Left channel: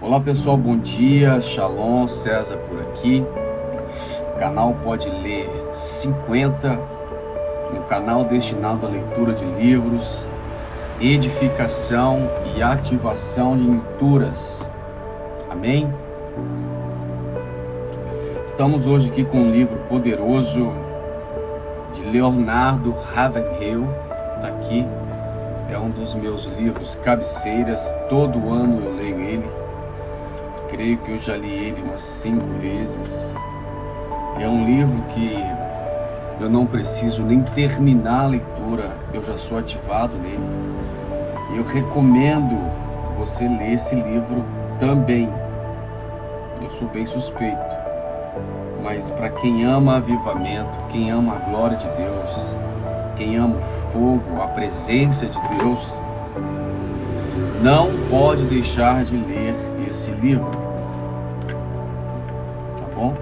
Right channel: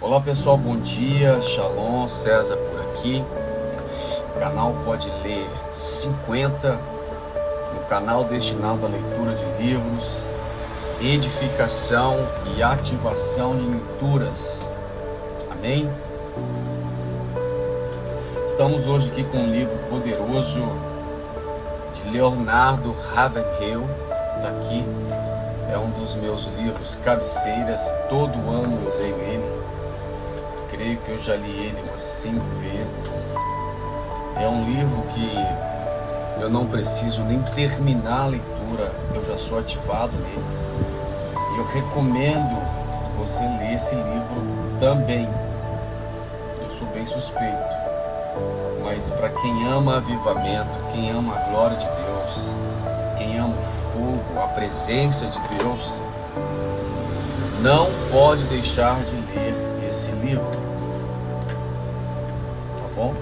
Olá pessoal, bom dia, Shalom, César por aqui. Canal Pode Ler 50, um canal destinado à leitura de livros, edificação e ativação de leituras. Amém? Estamos hoje aqui com um livro poderoso de Leonardo Ravenhill, está aqui. É um dos meus livros cabeceiras, todo ano eu leio ele. Creio que eu já li ele umas 5 vezes. É um livro que eu não preciso nem terminar a leitura, eu já sou ativado nele. E eu recomendo você ler esse livro também. Eu sou bem suspeito, mas para quem ama avivamento, quem ama a glória de Deus, quem ama o fogo, a presença de Deus, não pode deixar de ler esse livro, tá bom?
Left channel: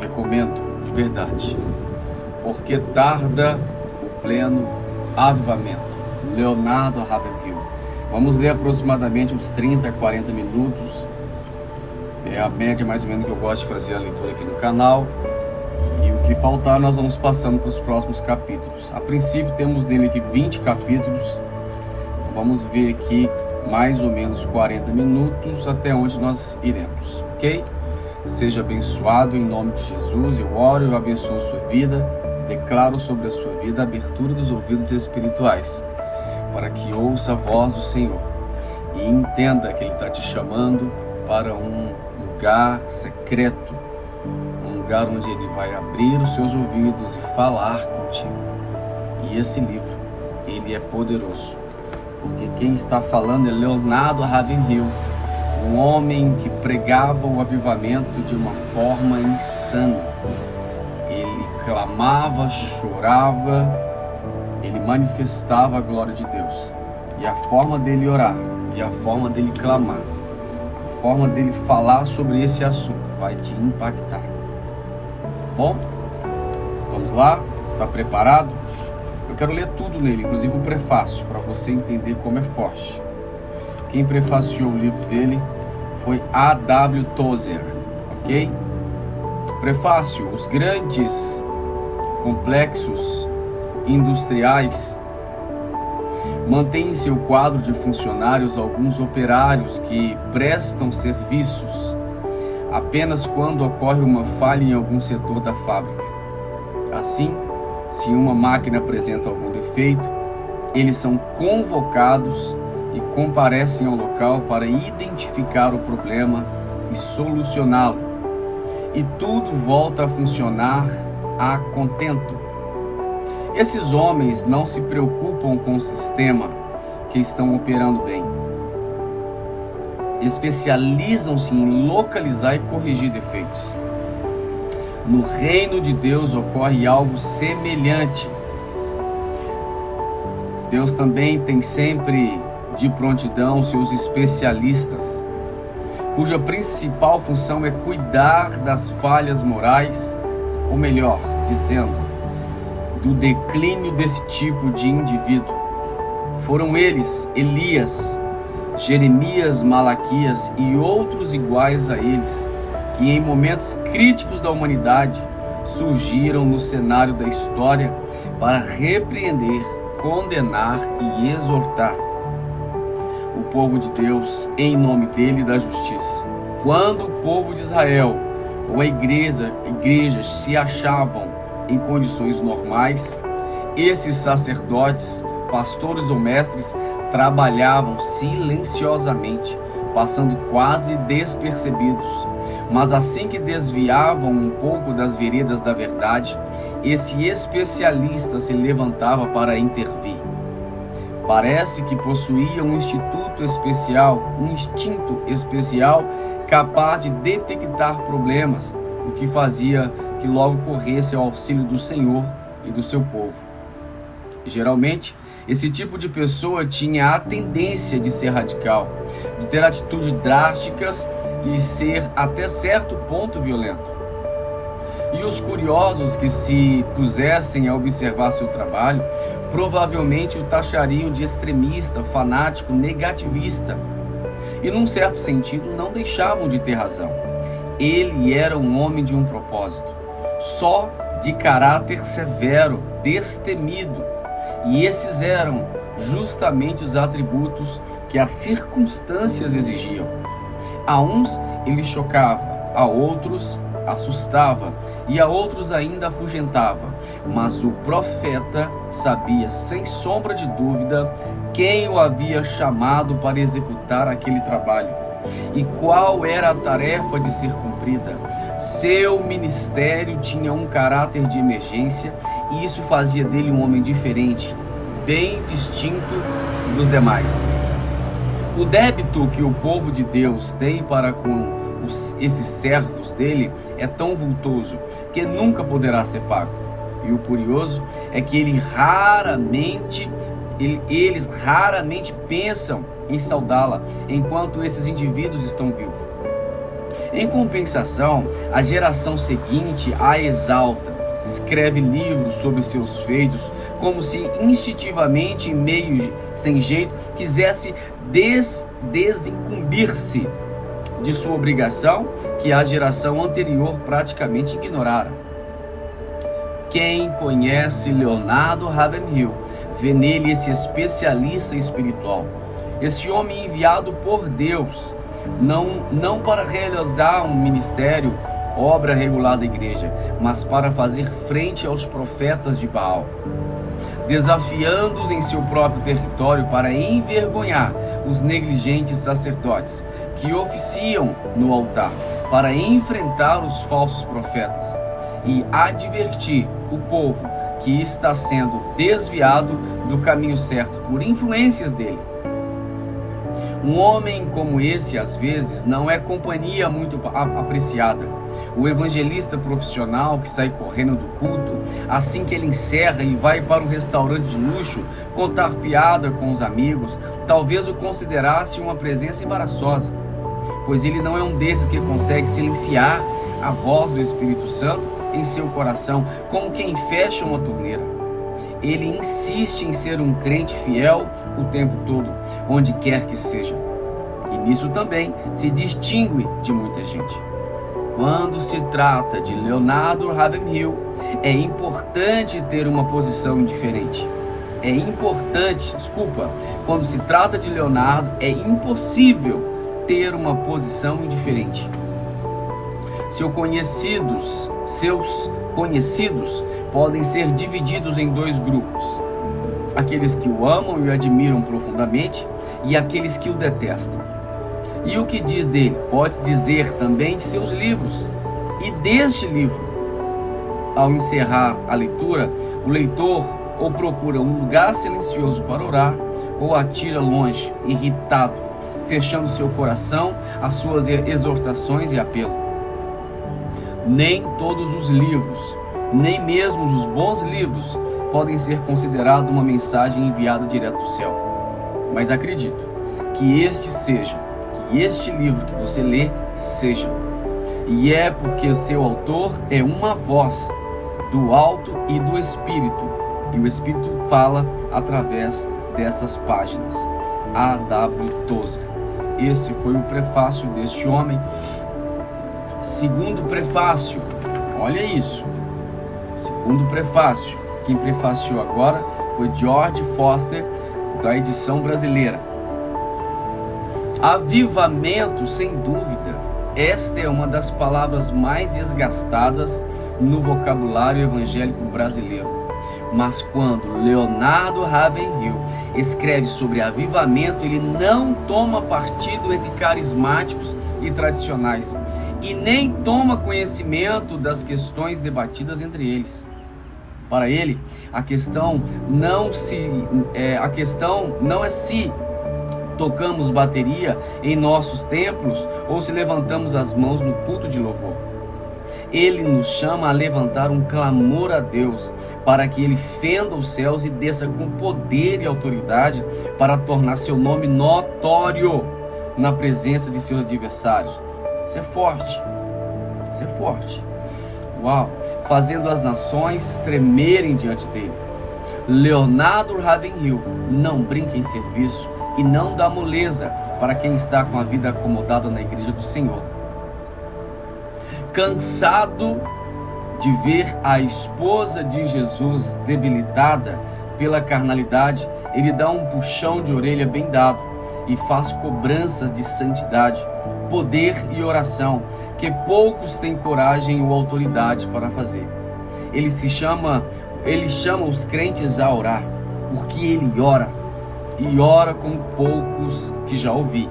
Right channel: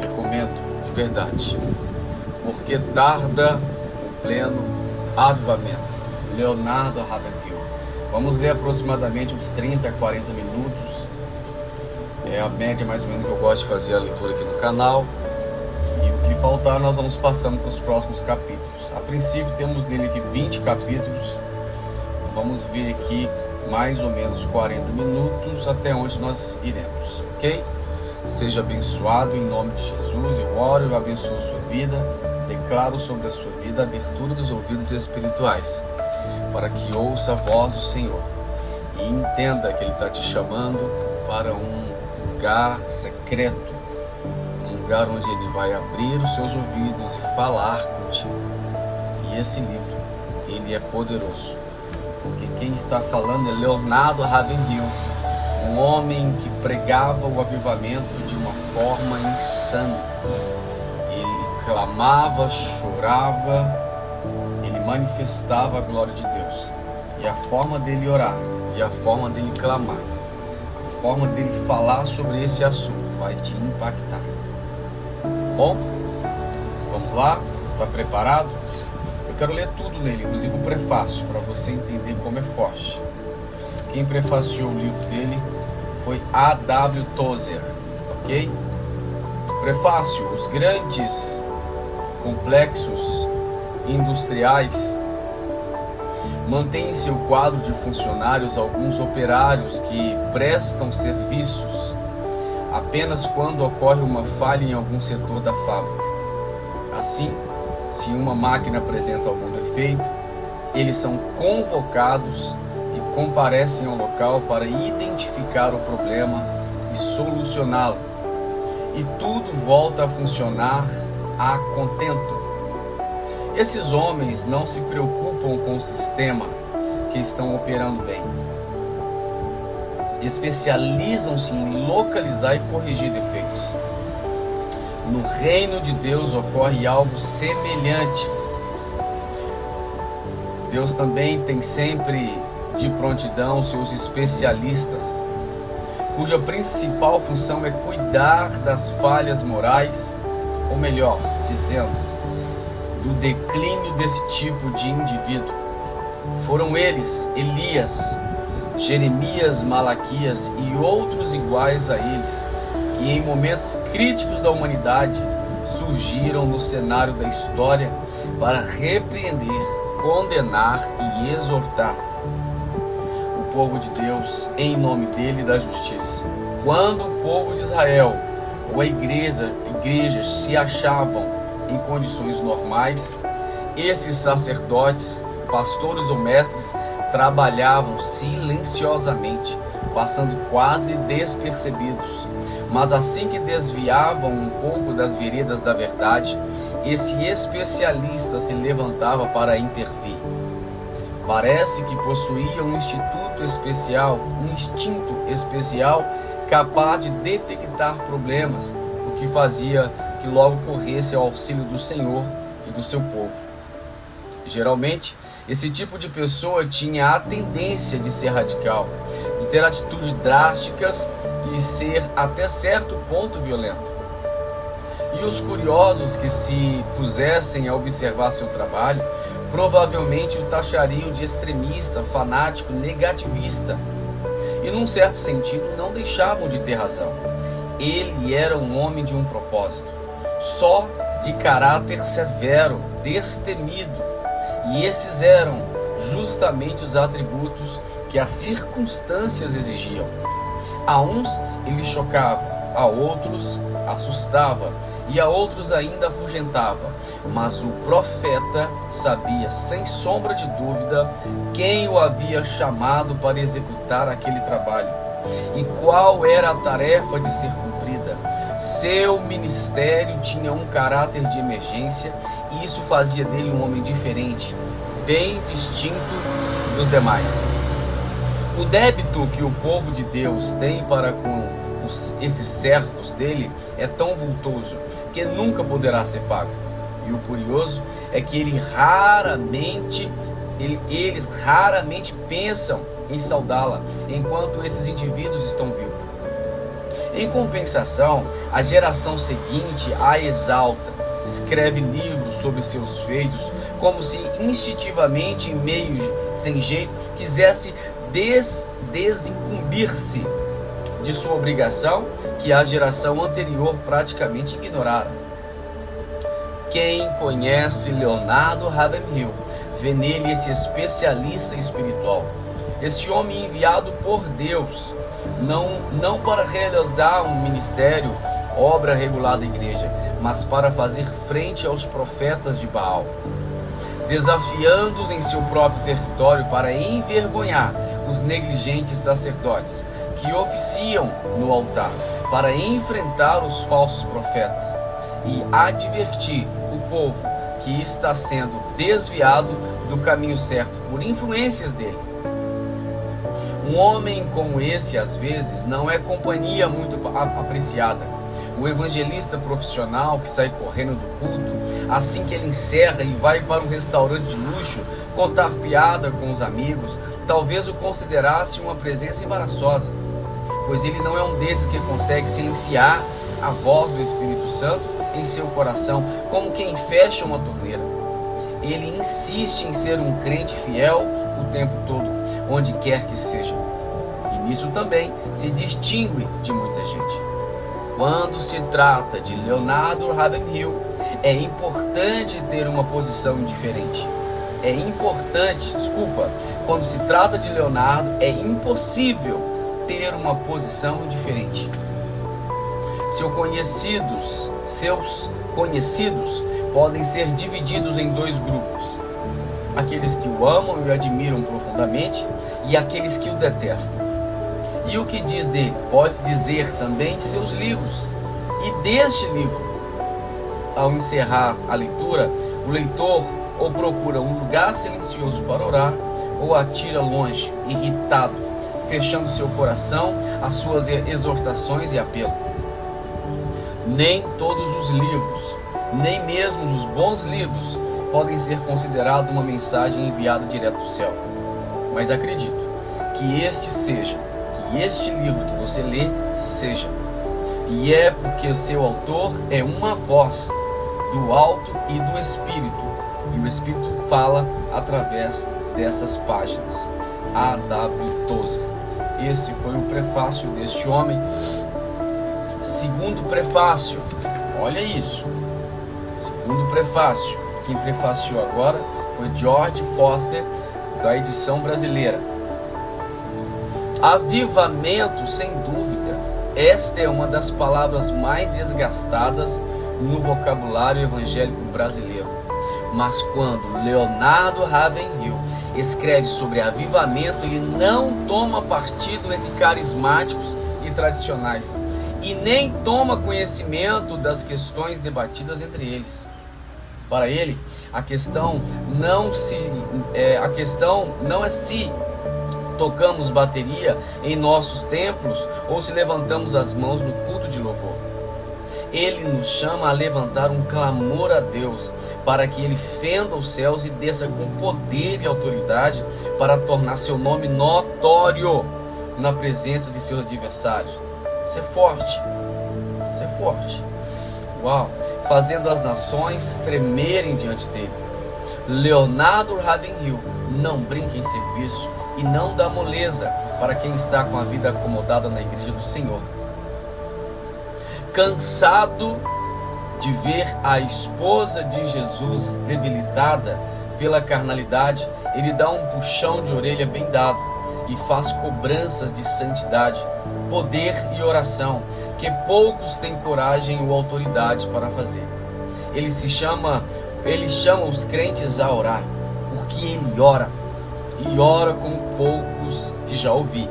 Recomendo de verdade, porque tarda o pleno avivamento. Leonardo Ravenhill. Vamos ler aproximadamente uns 30 a 40 minutos. É a média mais ou menos que eu gosto de fazer a leitura aqui no canal. E o que faltar nós vamos passando para os próximos capítulos. A princípio temos nele aqui 20 capítulos. Então vamos ver aqui mais ou menos 40 minutos até onde nós iremos, ok? Seja abençoado em nome de Jesus. Eu oro e eu abençoo a sua vida. Declaro sobre a sua vida a abertura dos ouvidos espirituais, para que ouça a voz do Senhor e entenda que Ele está te chamando para um lugar secreto, um lugar onde Ele vai abrir os seus ouvidos e falar contigo. E esse livro, ele é poderoso, porque quem está falando é Leonardo Ravenhill, um homem que pregava o avivamento de uma forma insana. Ele clamava, chorava, ele manifestava a glória de Deus. E a forma dele orar, e a forma dele clamar, a forma dele falar sobre esse assunto vai te impactar. Bom, vamos lá? Está preparado? Eu quero ler tudo nele, inclusive o prefácio, para você entender como é forte. Quem prefaciou o livro dele foi A.W. Tozer, ok? Prefácio: os grandes complexos industriais mantêm em seu quadro de funcionários alguns operários que prestam serviços apenas quando ocorre uma falha em algum setor da fábrica. Assim, se uma máquina apresenta algum defeito, eles são convocados e comparecem ao local para identificar o problema e solucioná-lo. E tudo volta a funcionar a contento. Esses homens não se preocupam com o sistema que estão operando bem. Especializam-se em localizar e corrigir defeitos. No reino de Deus ocorre algo semelhante. Deus também tem sempre de prontidão seus especialistas, cuja principal função é cuidar das falhas morais, ou melhor dizendo, do declínio desse tipo de indivíduo. Foram eles, Elias, Jeremias, Malaquias e outros iguais a eles, que em momentos críticos da humanidade surgiram no cenário da história para repreender, condenar e exortar o povo de Deus em nome dele e da justiça. Quando o povo de Israel ou a igreja se achavam em condições normais, esses sacerdotes, pastores ou mestres trabalhavam silenciosamente, passando quase despercebidos. Mas assim que desviavam um pouco das veredas da verdade, esse especialista se levantava para intervir. Parece que possuía um instinto especial capaz de detectar problemas, o que fazia que logo corresse ao auxílio do Senhor e do seu povo. Geralmente, esse tipo de pessoa tinha a tendência de ser radical, de ter atitudes drásticas e ser até certo ponto violento. E os curiosos que se pusessem a observar seu trabalho provavelmente o taxariam de extremista, fanático, negativista. e num certo sentido não deixavam de ter razão. Ele era um homem de um propósito, só de caráter severo, destemido, e esses eram justamente os atributos que as circunstâncias exigiam. A uns ele chocava, a outros assustava e a outros ainda afugentava, mas o profeta sabia sem sombra de dúvida quem o havia chamado para executar aquele trabalho e qual era a tarefa de ser cumprida. Seu ministério tinha um caráter de emergência e isso fazia dele um homem diferente, bem distinto dos demais. O débito que o povo de Deus tem para com esses servos dele é tão vultoso que nunca poderá ser pago. E o curioso é que eles raramente pensam em saudá-la enquanto esses indivíduos estão vivos. Em compensação, a geração seguinte a exalta, escreve livros sobre seus feitos, como se instintivamente, em meio sem jeito, quisesse desincumbir-se de sua obrigação que a geração anterior praticamente ignorara. Quem conhece Leonardo Ravenhill vê nele esse especialista espiritual, esse homem enviado por Deus, não para realizar um ministério, obra regular da igreja, mas para fazer frente aos profetas de Baal, desafiando-os em seu próprio território para envergonhar os negligentes sacerdotes que oficiam no altar, para enfrentar os falsos profetas e advertir o povo que está sendo desviado do caminho certo por influências dele. Um homem como esse, às vezes, não é companhia muito apreciada. O evangelista profissional que sai correndo do culto, assim que ele encerra e vai para um restaurante de luxo contar piada com os amigos, talvez o considerasse uma presença embaraçosa, pois ele não é um desses que consegue silenciar a voz do Espírito Santo em seu coração, como quem fecha uma torneira. Ele insiste em ser um crente fiel o tempo todo, onde quer que seja. E nisso também se distingue de muita gente. Quando se trata de Leonardo Ravenhill, é importante ter uma posição indiferente. Quando se trata de Leonardo, é impossível ter uma posição indiferente. Seus conhecidos podem ser divididos em dois grupos: aqueles que o amam e o admiram profundamente e aqueles que o detestam. E o que diz dele pode dizer também de seus livros e deste livro. Ao encerrar a leitura, o leitor ou procura um lugar silencioso para orar, ou atira longe, irritado, fechando seu coração às suas exortações e apelo. Nem todos os livros, nem mesmo os bons livros, podem ser considerados uma mensagem enviada direto do céu. Mas acredito que este livro que você lê seja. E é porque o seu autor é uma voz do alto e do Espírito. E o Espírito fala através dessas páginas. A.W. Tozer. Esse foi o prefácio deste homem. Segundo prefácio, olha isso. Segundo prefácio, quem prefaciou agora foi George Foster, da edição brasileira. Avivamento, sem dúvida, esta é uma das palavras mais desgastadas no vocabulário evangélico brasileiro. Mas quando Leonardo Ravenhill escreve sobre avivamento, ele não toma partido entre carismáticos e tradicionais, e nem toma conhecimento das questões debatidas entre eles. Para ele, a questão não é se tocamos bateria em nossos templos ou se levantamos as mãos no culto de louvor. Ele nos chama a levantar um clamor a Deus para que Ele fenda os céus e desça com poder e autoridade para tornar seu nome notório na presença de seus adversários. Isso é forte. Isso é forte. Uau! Fazendo as nações tremerem diante dele. Leonardo Ravenhill não brinca em serviço e não dá moleza para quem está com a vida acomodada na igreja do Senhor. Cansado de ver a esposa de Jesus debilitada pela carnalidade, ele dá um puxão de orelha bem dado e faz cobranças de santidade, poder e oração que poucos têm coragem ou autoridade para fazer. Ele chama os crentes a orar, porque ele ora, e ora como poucos que já ouvi.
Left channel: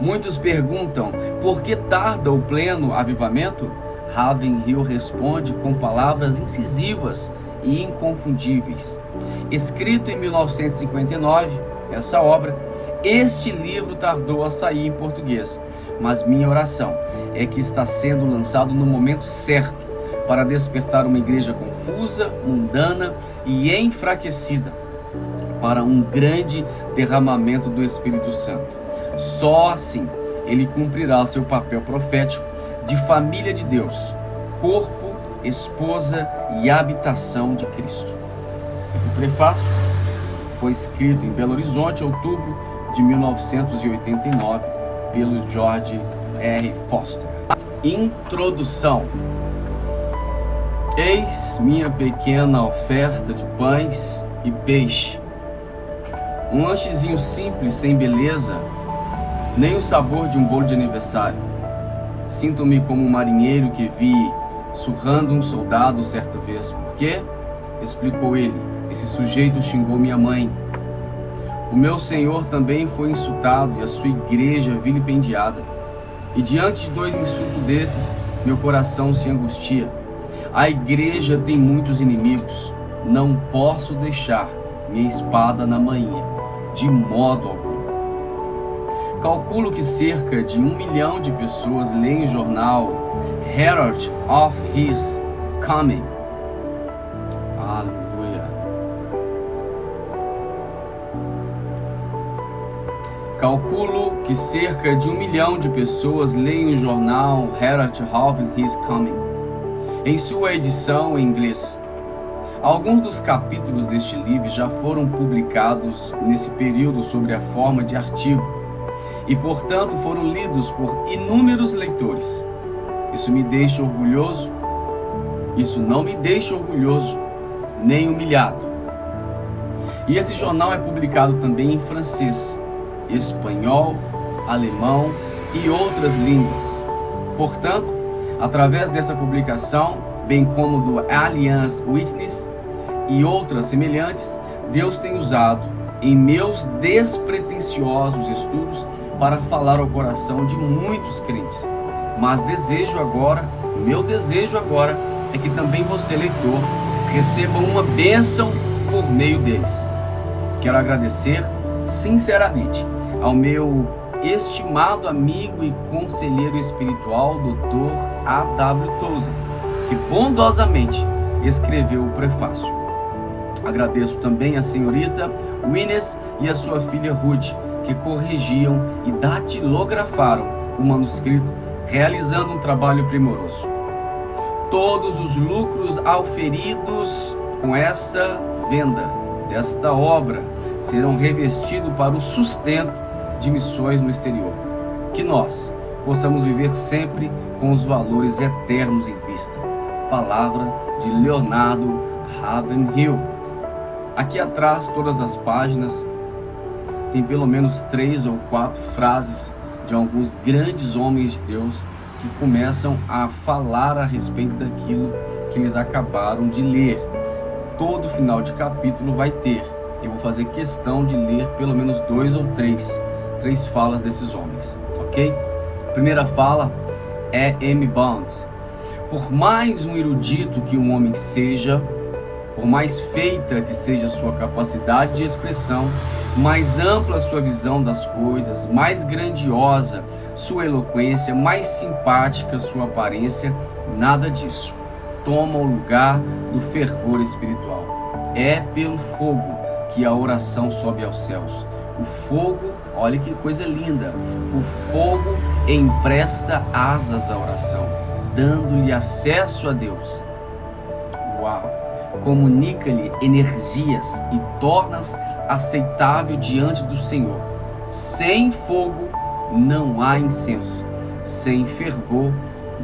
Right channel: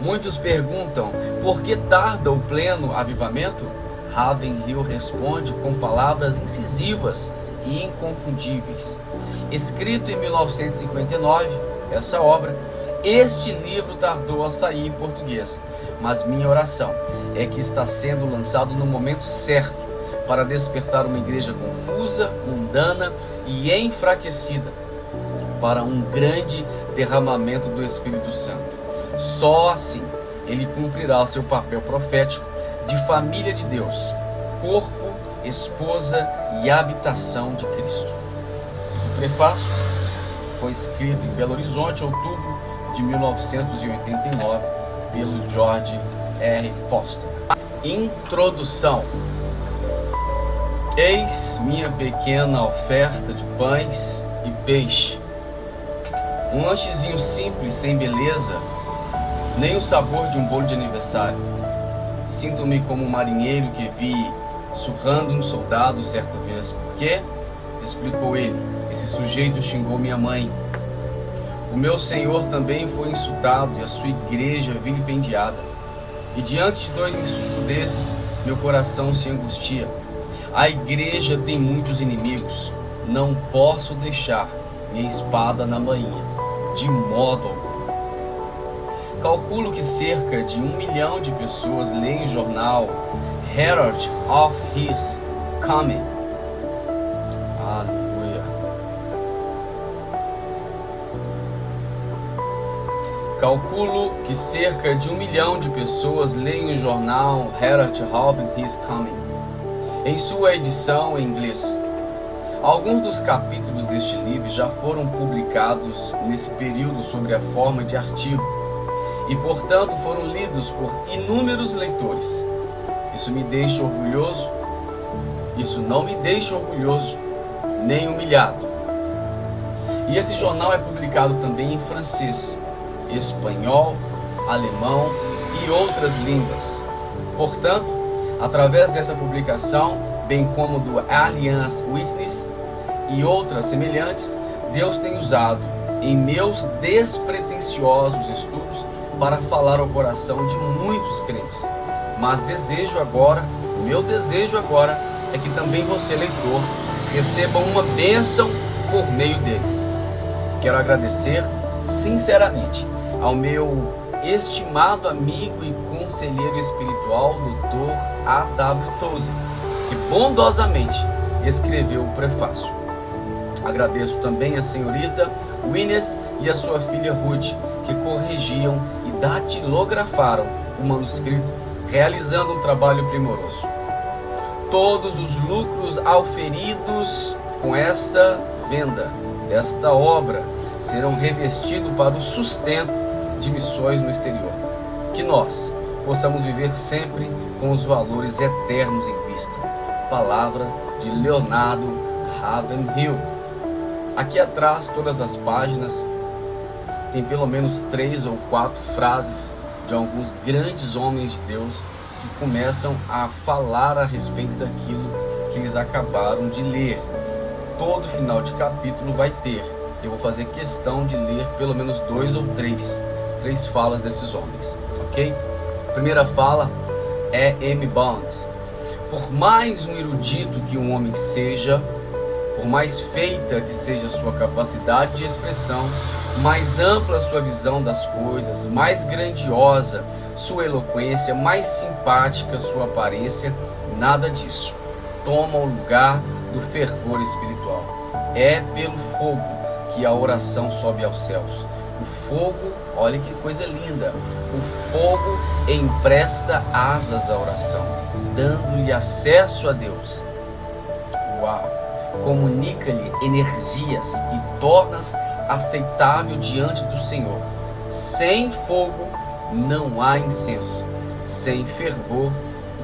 Muitos perguntam, por que tarda o pleno avivamento? Ravenhill responde com palavras incisivas e inconfundíveis. Escrito em 1959, essa obra, este livro tardou a sair em português, mas minha oração é que está sendo lançado no momento certo para despertar uma igreja confusa, mundana e enfraquecida para um grande derramamento do Espírito Santo. Só assim ele cumprirá seu papel profético de família de Deus, corpo, esposa e habitação de Cristo. Esse prefácio foi escrito em Belo Horizonte, outubro de 1989, pelo George R. Foster. Introdução. Eis minha pequena oferta de pães e peixe. Um lanchezinho simples, sem beleza, nem o sabor de um bolo de aniversário. Sinto-me como um marinheiro que vi surrando um soldado certa vez. Por quê? Explicou ele. Esse sujeito xingou minha mãe. O meu Senhor também foi insultado e a sua igreja vilipendiada. E diante de dois insultos desses, meu coração se angustia. A igreja tem muitos inimigos. Não posso deixar minha espada na manhinha, de modo algum. Calculo que cerca de 1 milhão de pessoas leem o jornal Herald of His Coming. Aleluia. Calculo que cerca de 1 milhão de pessoas leem o jornal Herald of His Coming, em sua edição em inglês. Alguns dos capítulos deste livro já foram publicados nesse período sob a forma de artigo e, portanto, foram lidos por inúmeros leitores. Isso me deixa orgulhoso? Isso não me deixa orgulhoso, nem humilhado. E esse jornal é publicado também em francês, espanhol, alemão e outras línguas. Portanto, através dessa publicação, bem como do Alliance Witness e outras semelhantes, Deus tem usado em meus despretensiosos estudos para falar ao coração de muitos crentes. Mas meu desejo agora é que também você, leitor, receba uma bênção por meio deles. Quero agradecer sinceramente ao meu estimado amigo e conselheiro espiritual, Dr. A.W. Tozer, que bondosamente escreveu o prefácio. Agradeço também a senhorita Wines e a sua filha Ruth, que corrigiam e datilografaram o manuscrito, realizando um trabalho primoroso. Todos os lucros auferidos com esta venda desta obra serão revestidos para o sustento de missões no exterior. Que nós possamos viver sempre com os valores eternos em vista. Palavra de Leonardo Ravenhill. Aqui atrás, todas as páginas, tem pelo menos 3 ou 4 frases de alguns grandes homens de Deus que começam a falar a respeito daquilo que eles acabaram de ler. Todo final de capítulo vai ter. Eu vou fazer questão de ler pelo menos 2 ou 3 falas desses homens, ok? Primeira fala é M. Bounds. Por mais um erudito que um homem seja, por mais feita que seja a sua capacidade de expressão, mais ampla a sua visão das coisas, mais grandiosa sua eloquência, mais simpática sua aparência, nada disso toma o lugar do fervor espiritual. É pelo fogo que a oração sobe aos céus. O fogo, olha que coisa linda, o fogo empresta asas à oração, dando-lhe acesso a Deus. Uau! comunica-lhe energias e tornas aceitável diante do Senhor. Sem fogo não há incenso, sem fervor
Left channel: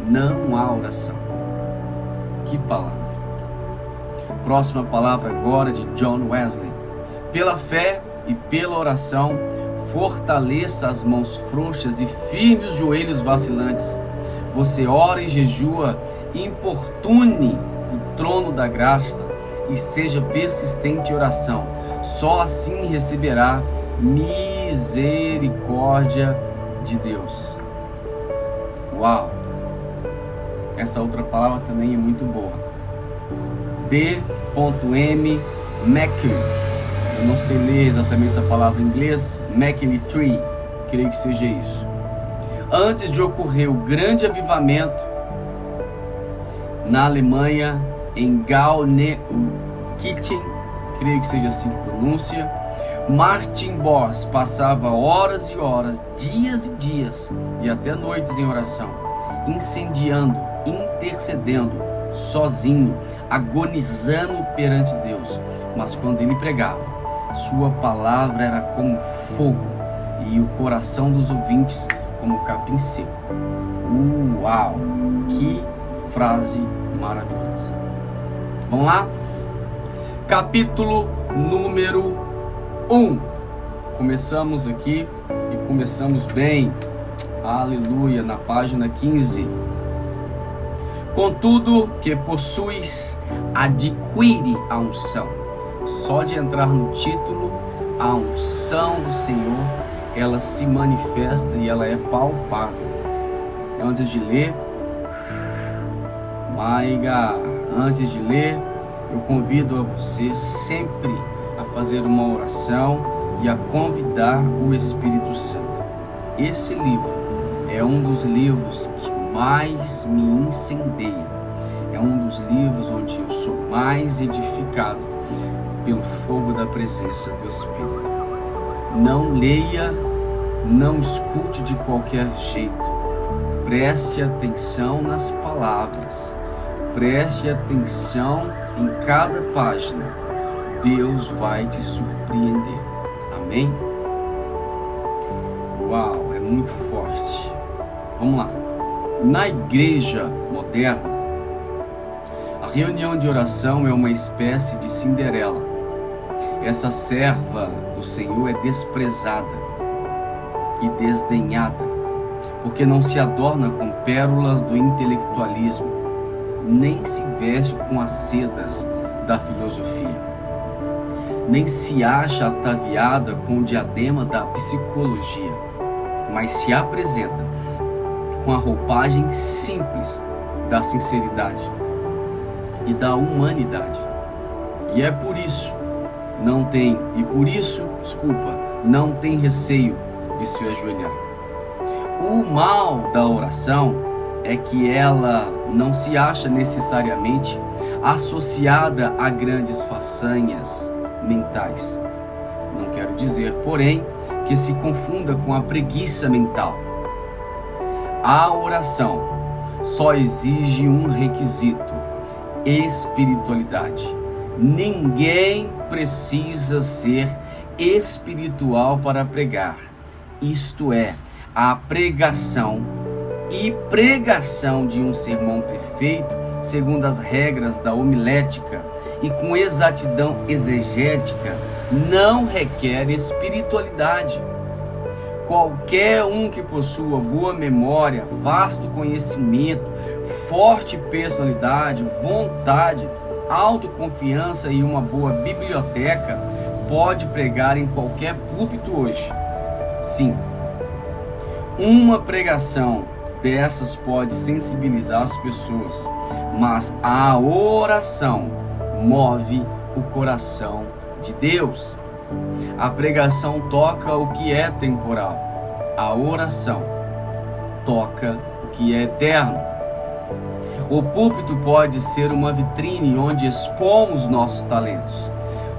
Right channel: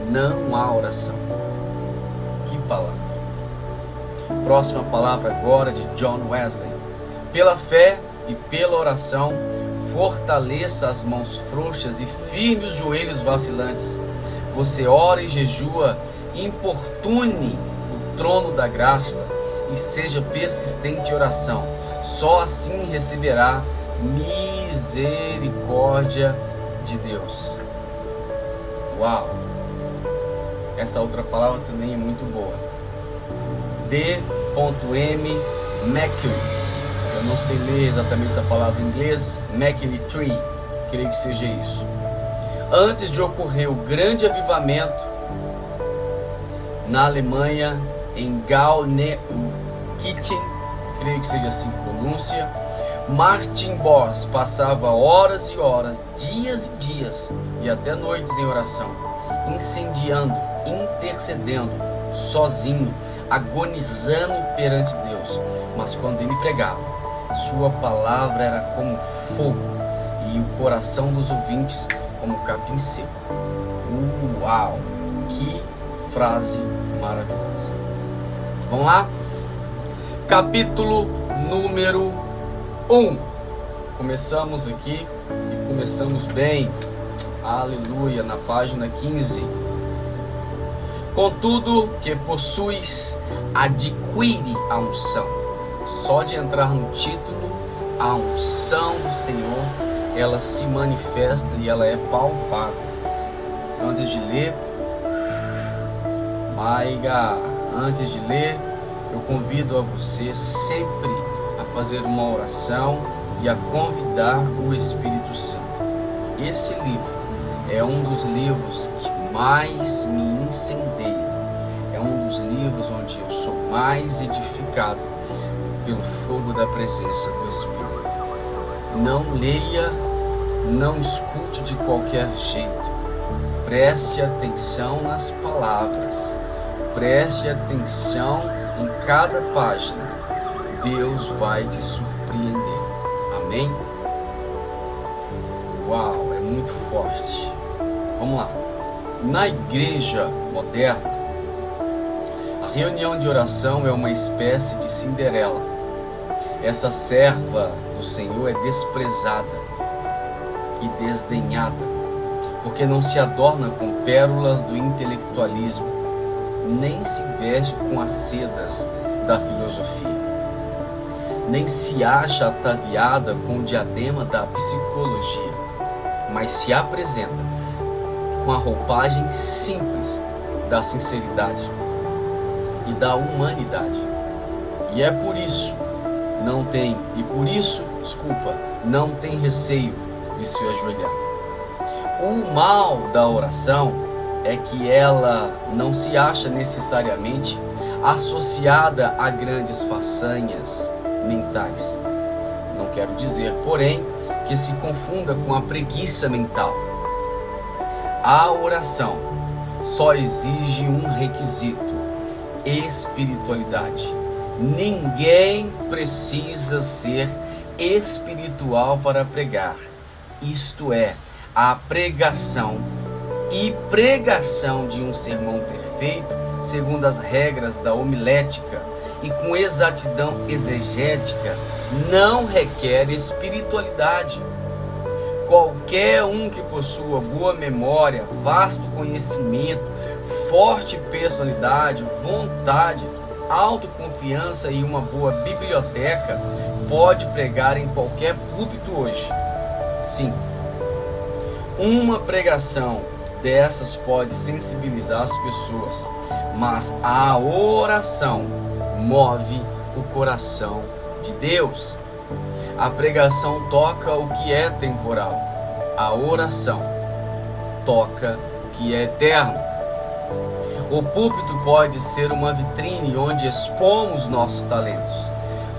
não há oração. Que palavra! Próxima palavra agora de John Wesley. Pela fé e pela oração, fortaleça as mãos frouxas e firme os joelhos vacilantes. Você ora e jejua, importune o trono da graça e seja persistente em oração. Só assim receberá misericórdia de Deus. Uau! Essa outra palavra também é muito boa. D.M. Mercury. Eu não sei ler exatamente essa palavra em inglês. McKinley, creio que seja isso. Antes de ocorrer o grande avivamento na Alemanha, em Gauneukirchen, creio que seja assim a pronúncia, Martin Boss passava horas e horas, dias e dias e até noites em oração, incendiando, intercedendo, sozinho, agonizando perante Deus. Mas quando ele pregava, sua palavra era como fogo e o coração dos ouvintes como capim seco. Uau! Que frase maravilhosa! Vamos lá? Capítulo número 1. Começamos aqui e começamos bem. Aleluia! Na página 15. Contudo que possuis, adquire a unção. Só de entrar no título, a unção do Senhor, ela se manifesta e ela é palpável. Antes de ler, eu convido a você sempre a fazer uma oração e a convidar o Espírito Santo. Esse livro é um dos livros que mais me incendeia. É um dos livros onde eu sou mais edificado pelo fogo da presença do Espírito. Não leia, não escute de qualquer jeito. Preste atenção nas palavras. Preste atenção em cada página. Deus vai te surpreender. Amém? Uau, é muito forte. Vamos lá. Na igreja moderna, a reunião de oração é uma espécie de Cinderela. Essa serva do Senhor é desprezada e desdenhada, porque não se adorna com pérolas do intelectualismo, nem se veste com as sedas da filosofia, nem se acha ataviada com o diadema da psicologia, mas se apresenta com a roupagem simples da sinceridade e da humanidade. E é por isso não tem receio de se ajoelhar. O mal da oração é que ela não se acha necessariamente associada a grandes façanhas mentais. Não quero dizer, porém, que se confunda com a preguiça mental. A oração só exige um requisito: espiritualidade. Ninguém precisa ser espiritual para pregar. Isto é, a pregação e pregação de um sermão perfeito, segundo as regras da homilética e com exatidão exegética, não requer espiritualidade. Qualquer um que possua boa memória, vasto conhecimento, forte personalidade, vontade, autoconfiança e uma boa biblioteca pode pregar em qualquer púlpito hoje. Sim, uma pregação dessas pode sensibilizar as pessoas, mas a oração move o coração de Deus. A pregação toca o que é temporal, a oração toca o que é eterno. O púlpito pode ser uma vitrine onde expomos nossos talentos.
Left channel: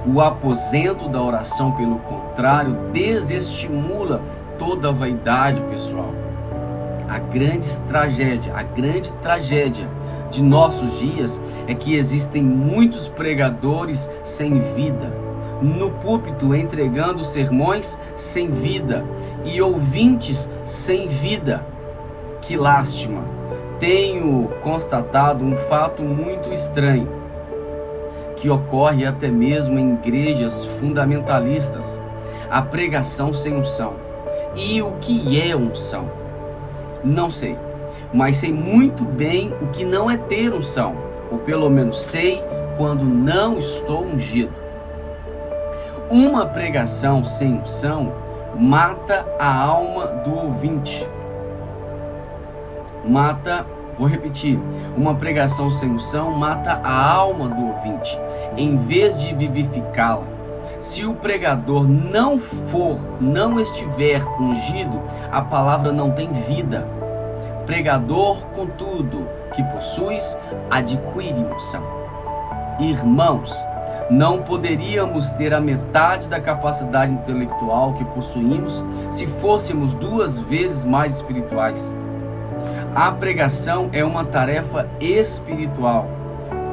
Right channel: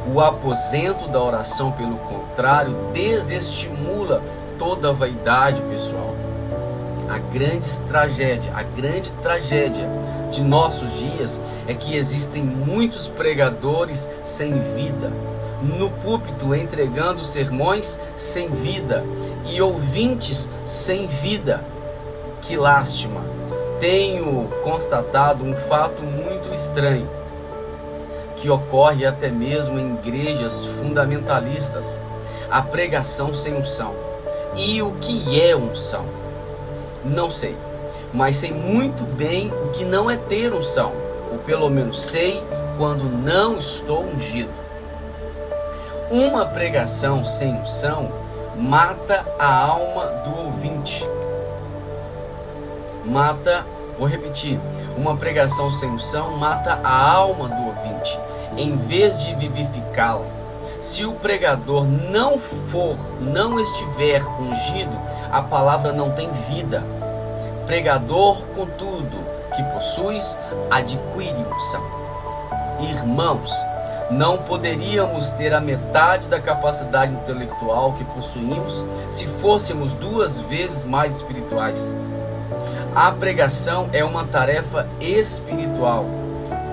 O aposento da oração, pelo contrário, desestimula toda a vaidade pessoal. A grande tragédia de nossos dias é que existem muitos pregadores sem vida, no púlpito entregando sermões sem vida e ouvintes sem vida. Que lástima! Tenho constatado um fato muito estranho, que ocorre até mesmo em igrejas fundamentalistas: a pregação sem unção. E o que é unção? Não sei, mas sei muito bem o que não é ter unção, ou pelo menos sei quando não estou ungido. Uma pregação sem unção mata a alma do ouvinte. Vou repetir, uma pregação sem unção mata a alma do ouvinte, em vez de vivificá-la. Se o pregador não estiver ungido, a palavra não tem vida. Pregador, contudo, que possuis, adquire unção. Irmãos, não poderíamos ter a metade da capacidade intelectual que possuímos se fôssemos 2 vezes mais espirituais. A pregação é uma tarefa espiritual.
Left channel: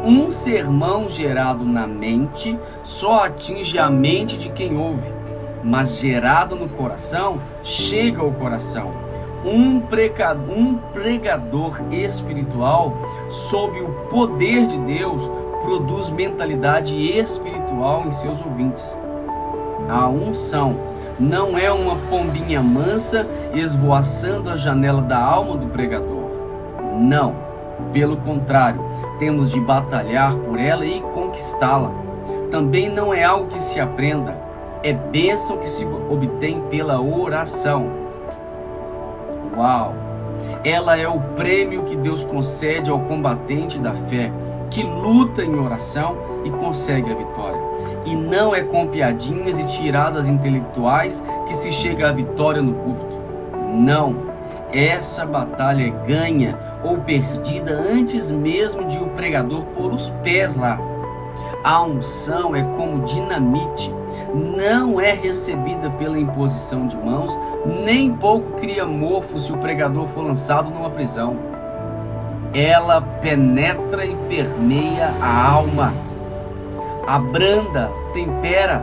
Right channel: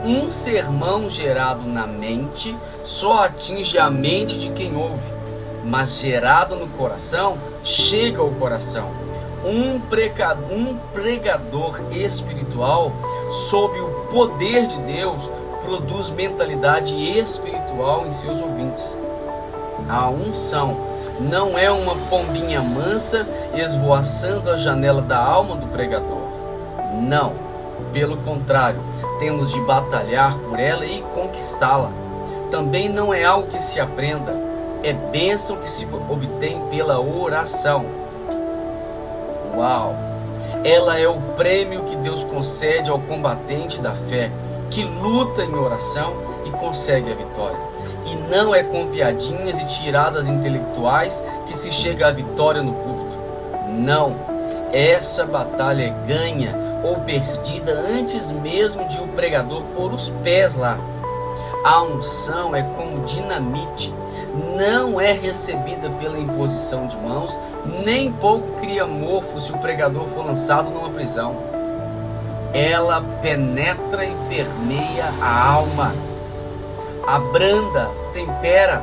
Um sermão gerado na mente só atinge a mente de quem ouve, mas gerado no coração, chega ao coração. Um pregador espiritual, sob o poder de Deus, produz mentalidade espiritual em seus ouvintes. A unção não é uma pombinha mansa esvoaçando a janela da alma do pregador. Não, pelo contrário, temos de batalhar por ela e conquistá-la. Também não é algo que se aprenda, é bênção que se obtém pela oração. Uau! Ela é o prêmio que Deus concede ao combatente da fé, que luta em oração e consegue a vitória. E não é com piadinhas e tiradas intelectuais que se chega à vitória no púlpito. Não, essa batalha é ganha ou perdida antes mesmo de o pregador pôr os pés lá. A unção é como dinamite, não é recebida pela imposição de mãos, nem pouco cria mofo se o pregador for lançado numa prisão. Ela penetra e permeia a alma, abranda, tempera.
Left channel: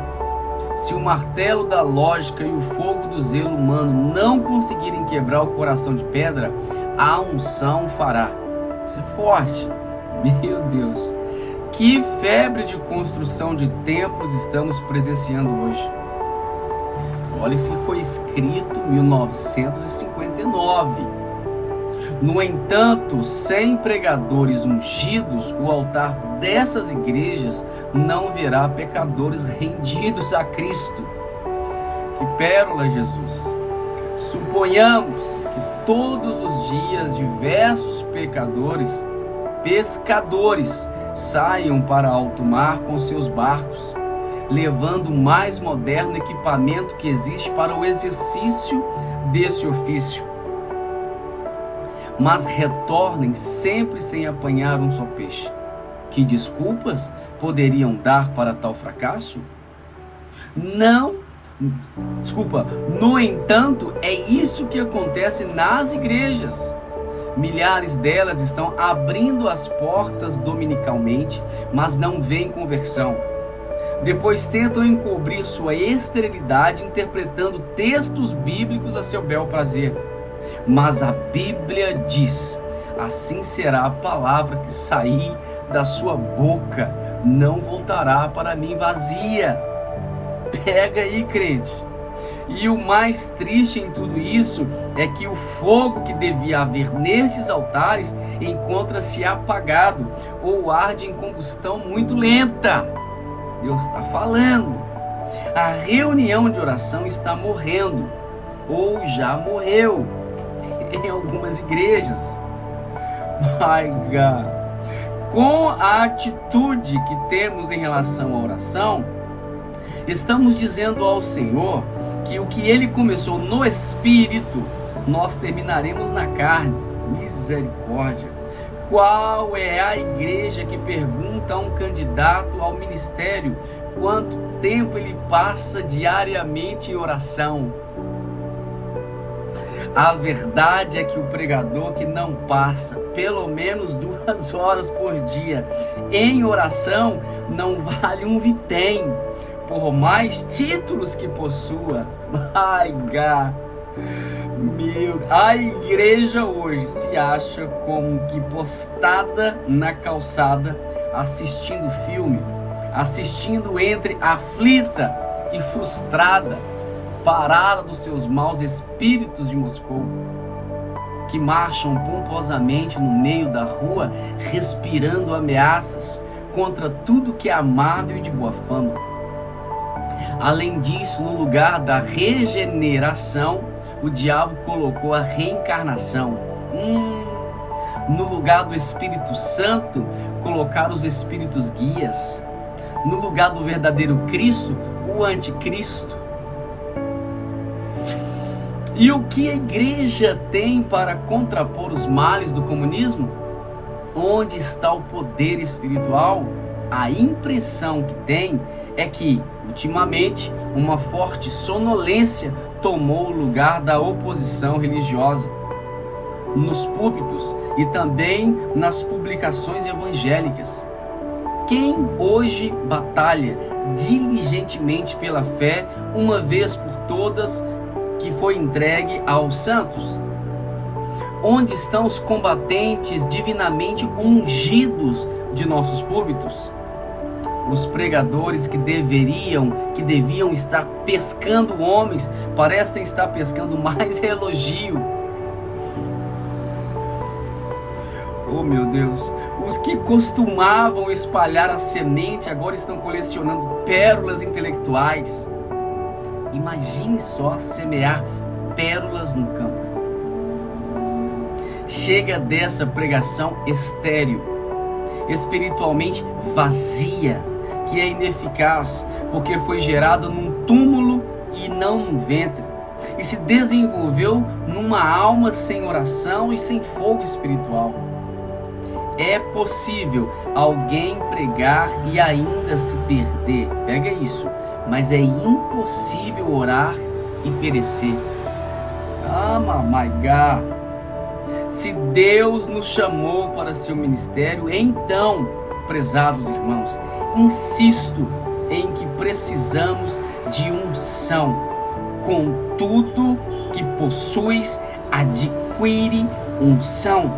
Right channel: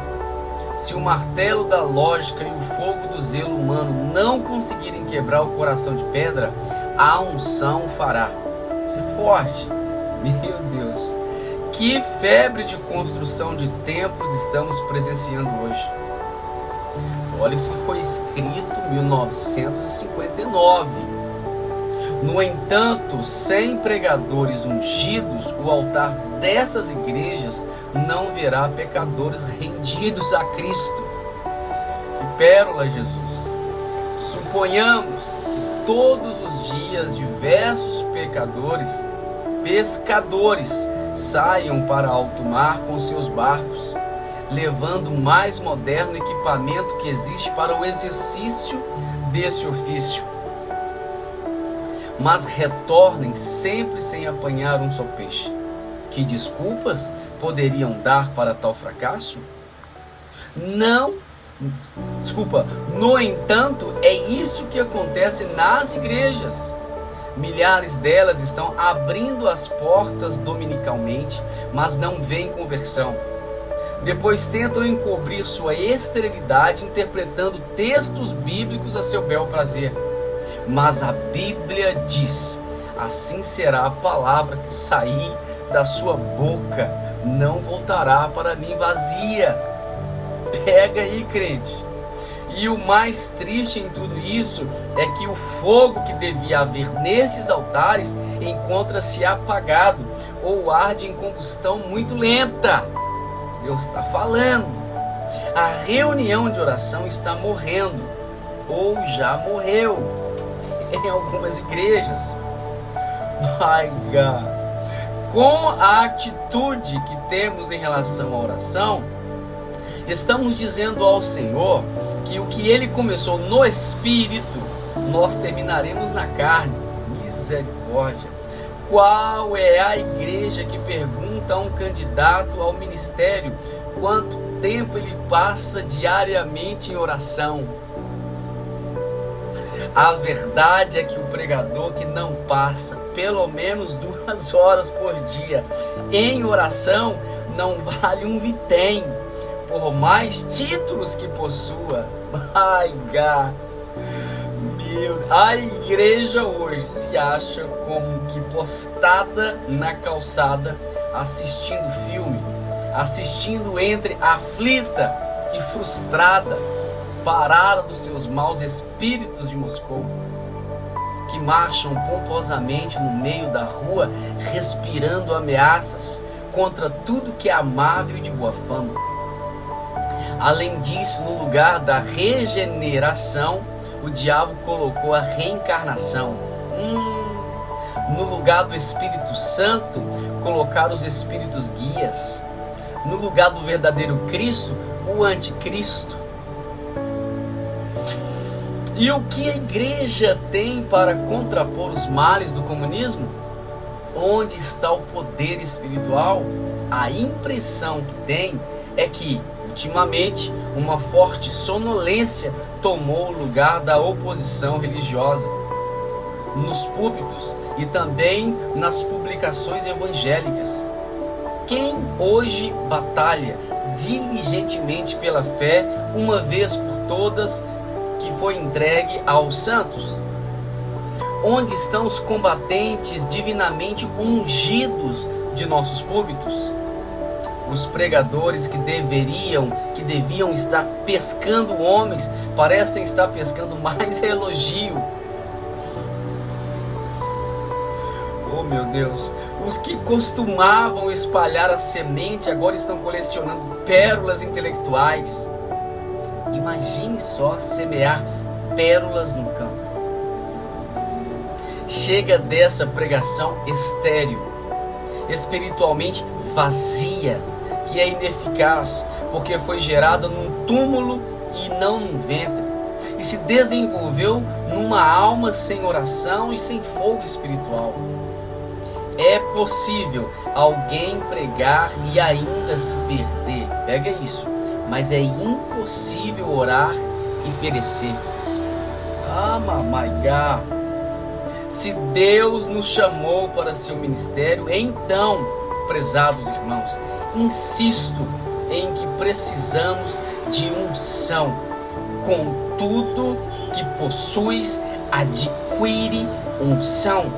Se o martelo da lógica e o fogo do zelo humano não conseguirem quebrar o coração de pedra, a unção fará. Isso é forte. Meu Deus, que febre de construção de templos estamos presenciando hoje. Olha, isso foi escrito em 1959. No entanto, sem pregadores ungidos, o altar dessas igrejas não verá pecadores rendidos a Cristo. Que pérola, Jesus! Suponhamos que todos os dias diversos pescadores saiam para alto mar com seus barcos, levando o mais moderno equipamento que existe para o exercício desse ofício, mas retornem sempre sem apanhar um só peixe. Que desculpas poderiam dar para tal fracasso? No entanto, é isso que acontece nas igrejas. Milhares delas estão abrindo as portas dominicalmente, mas não veem conversão. Depois tentam encobrir sua esterilidade interpretando textos bíblicos a seu bel prazer. Mas a Bíblia diz: assim será a palavra que sair da sua boca, não voltará para mim vazia. Pega aí, crente. E o mais triste em tudo isso é que o fogo que devia haver nestes altares encontra-se apagado ou arde em combustão muito lenta. Deus está falando. A reunião de oração está morrendo ou já morreu em algumas igrejas. My God. Com a atitude que temos em relação à oração, estamos dizendo ao Senhor que o que Ele começou no Espírito, nós terminaremos na carne. Misericórdia! Qual é a igreja que pergunta a um candidato ao ministério quanto tempo ele passa diariamente em oração? A verdade é que o pregador que não passa pelo menos 2 horas por dia em oração não vale um vitém, por mais títulos que possua. Ai, God. A igreja hoje se acha como que postada na calçada, assistindo filme, assistindo entre aflita e frustrada, parada dos seus maus espíritos de Moscou, que marcham pomposamente no meio da rua, respirando ameaças contra tudo que é amável e de boa fama. Além disso, no lugar da regeneração, o diabo colocou a reencarnação. No lugar do Espírito Santo, colocaram os espíritos guias. No lugar do verdadeiro Cristo, o anticristo. E o que a igreja tem para contrapor os males do comunismo? Onde está o poder espiritual? A impressão que tem é que, ultimamente, uma forte sonolência tomou o lugar da oposição religiosa nos púlpitos e também nas publicações evangélicas. Quem hoje batalha diligentemente pela fé, uma vez por todas, que foi entregue aos santos? Onde estão os combatentes divinamente ungidos de nossos púlpitos? Os pregadores que deviam estar pescando homens, parecem estar pescando mais elogio. Oh, meu Deus! Os que costumavam espalhar a semente agora estão colecionando pérolas intelectuais. Imagine só semear pérolas no campo. Chega dessa pregação estéril, espiritualmente vazia, que é ineficaz, porque foi gerada num túmulo e não num ventre, e se desenvolveu numa alma sem oração e sem fogo espiritual. É possível alguém pregar e ainda se perder, pega isso, mas é impossível orar e perecer. My God! Se Deus nos chamou para seu ministério, então, prezados irmãos, insisto em que precisamos de unção. Com tudo que possuis, adquire unção.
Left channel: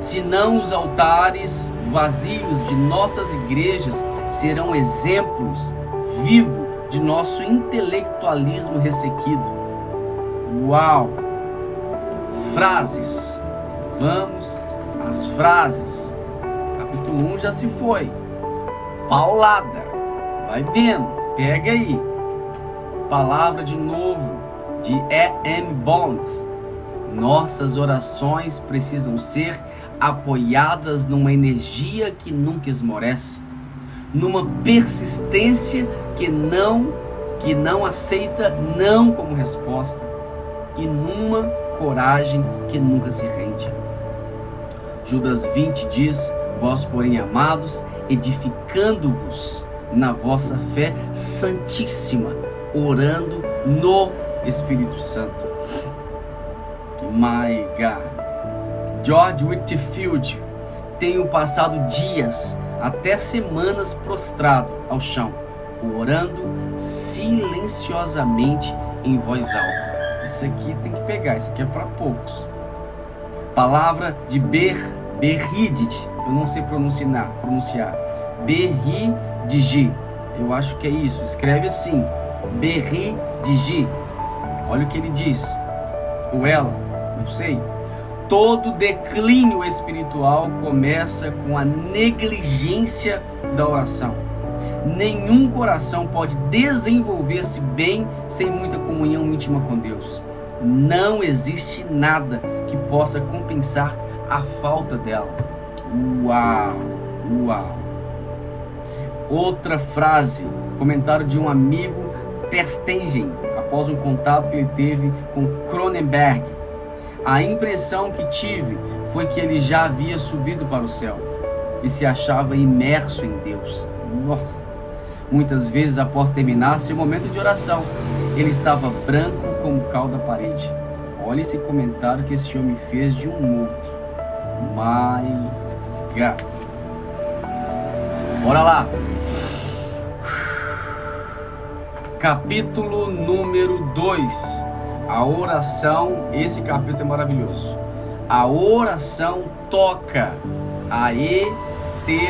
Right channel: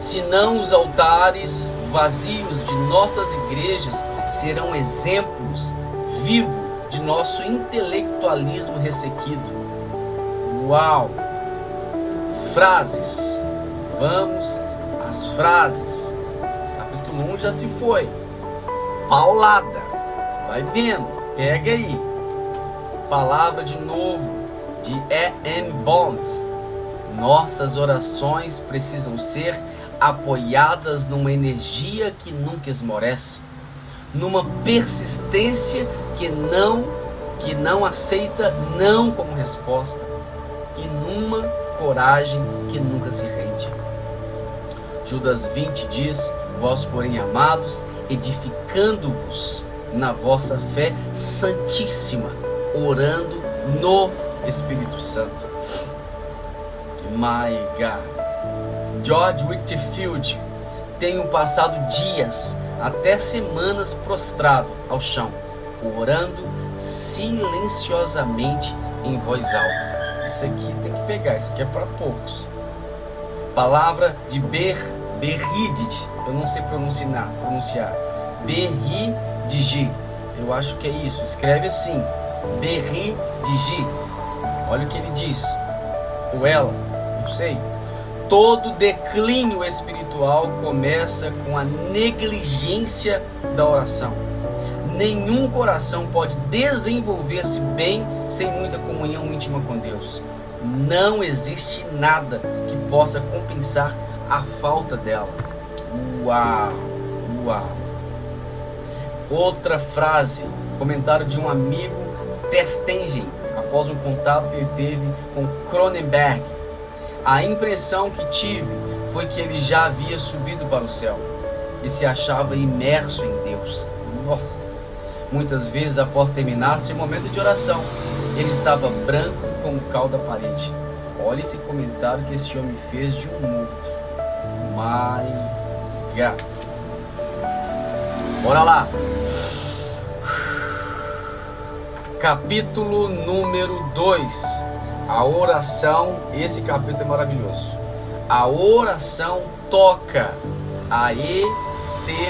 Senão os altares vazios de nossas igrejas serão exemplos vivos de nosso intelectualismo ressequido. Uau! Frases. Vamos às frases. Capítulo 1 já se foi. Paulada. Vai vendo. Pega aí. Palavra de novo de E.M. Bonds. Nossas orações precisam ser apoiadas numa energia que nunca esmorece, numa persistência que não aceita não como resposta, e numa coragem que nunca se rende. Judas 20 diz: vós, porém, amados, edificando-vos na vossa fé santíssima, orando no Espírito Santo. My God. George Whitefield: tenho passado dias, até semanas, prostrado ao chão, orando silenciosamente em voz alta. Isso aqui tem que pegar, isso aqui é para poucos. Palavra de Berridit, eu não sei pronunciar. Berridigi, eu acho que é isso, escreve assim, Berridigi. Olha o que ele diz, ou ela, não sei. Todo declínio espiritual começa com a negligência da oração. Nenhum coração pode desenvolver-se bem sem muita comunhão íntima com Deus. Não existe nada que possa compensar a falta dela. Uau! Uau! Outra frase, comentário de um amigo, Testengen, após um contato que ele teve com Cronenberg. A impressão que tive foi que ele já havia subido para o céu e se achava imerso em Deus. Nossa! Muitas vezes, após terminar seu momento de oração, ele estava branco como o cal da parede. Olha esse comentário que esse homem fez de um outro. My God. Bora lá. Capítulo número 2. A oração. Esse capítulo é maravilhoso. A oração toca a eternidade.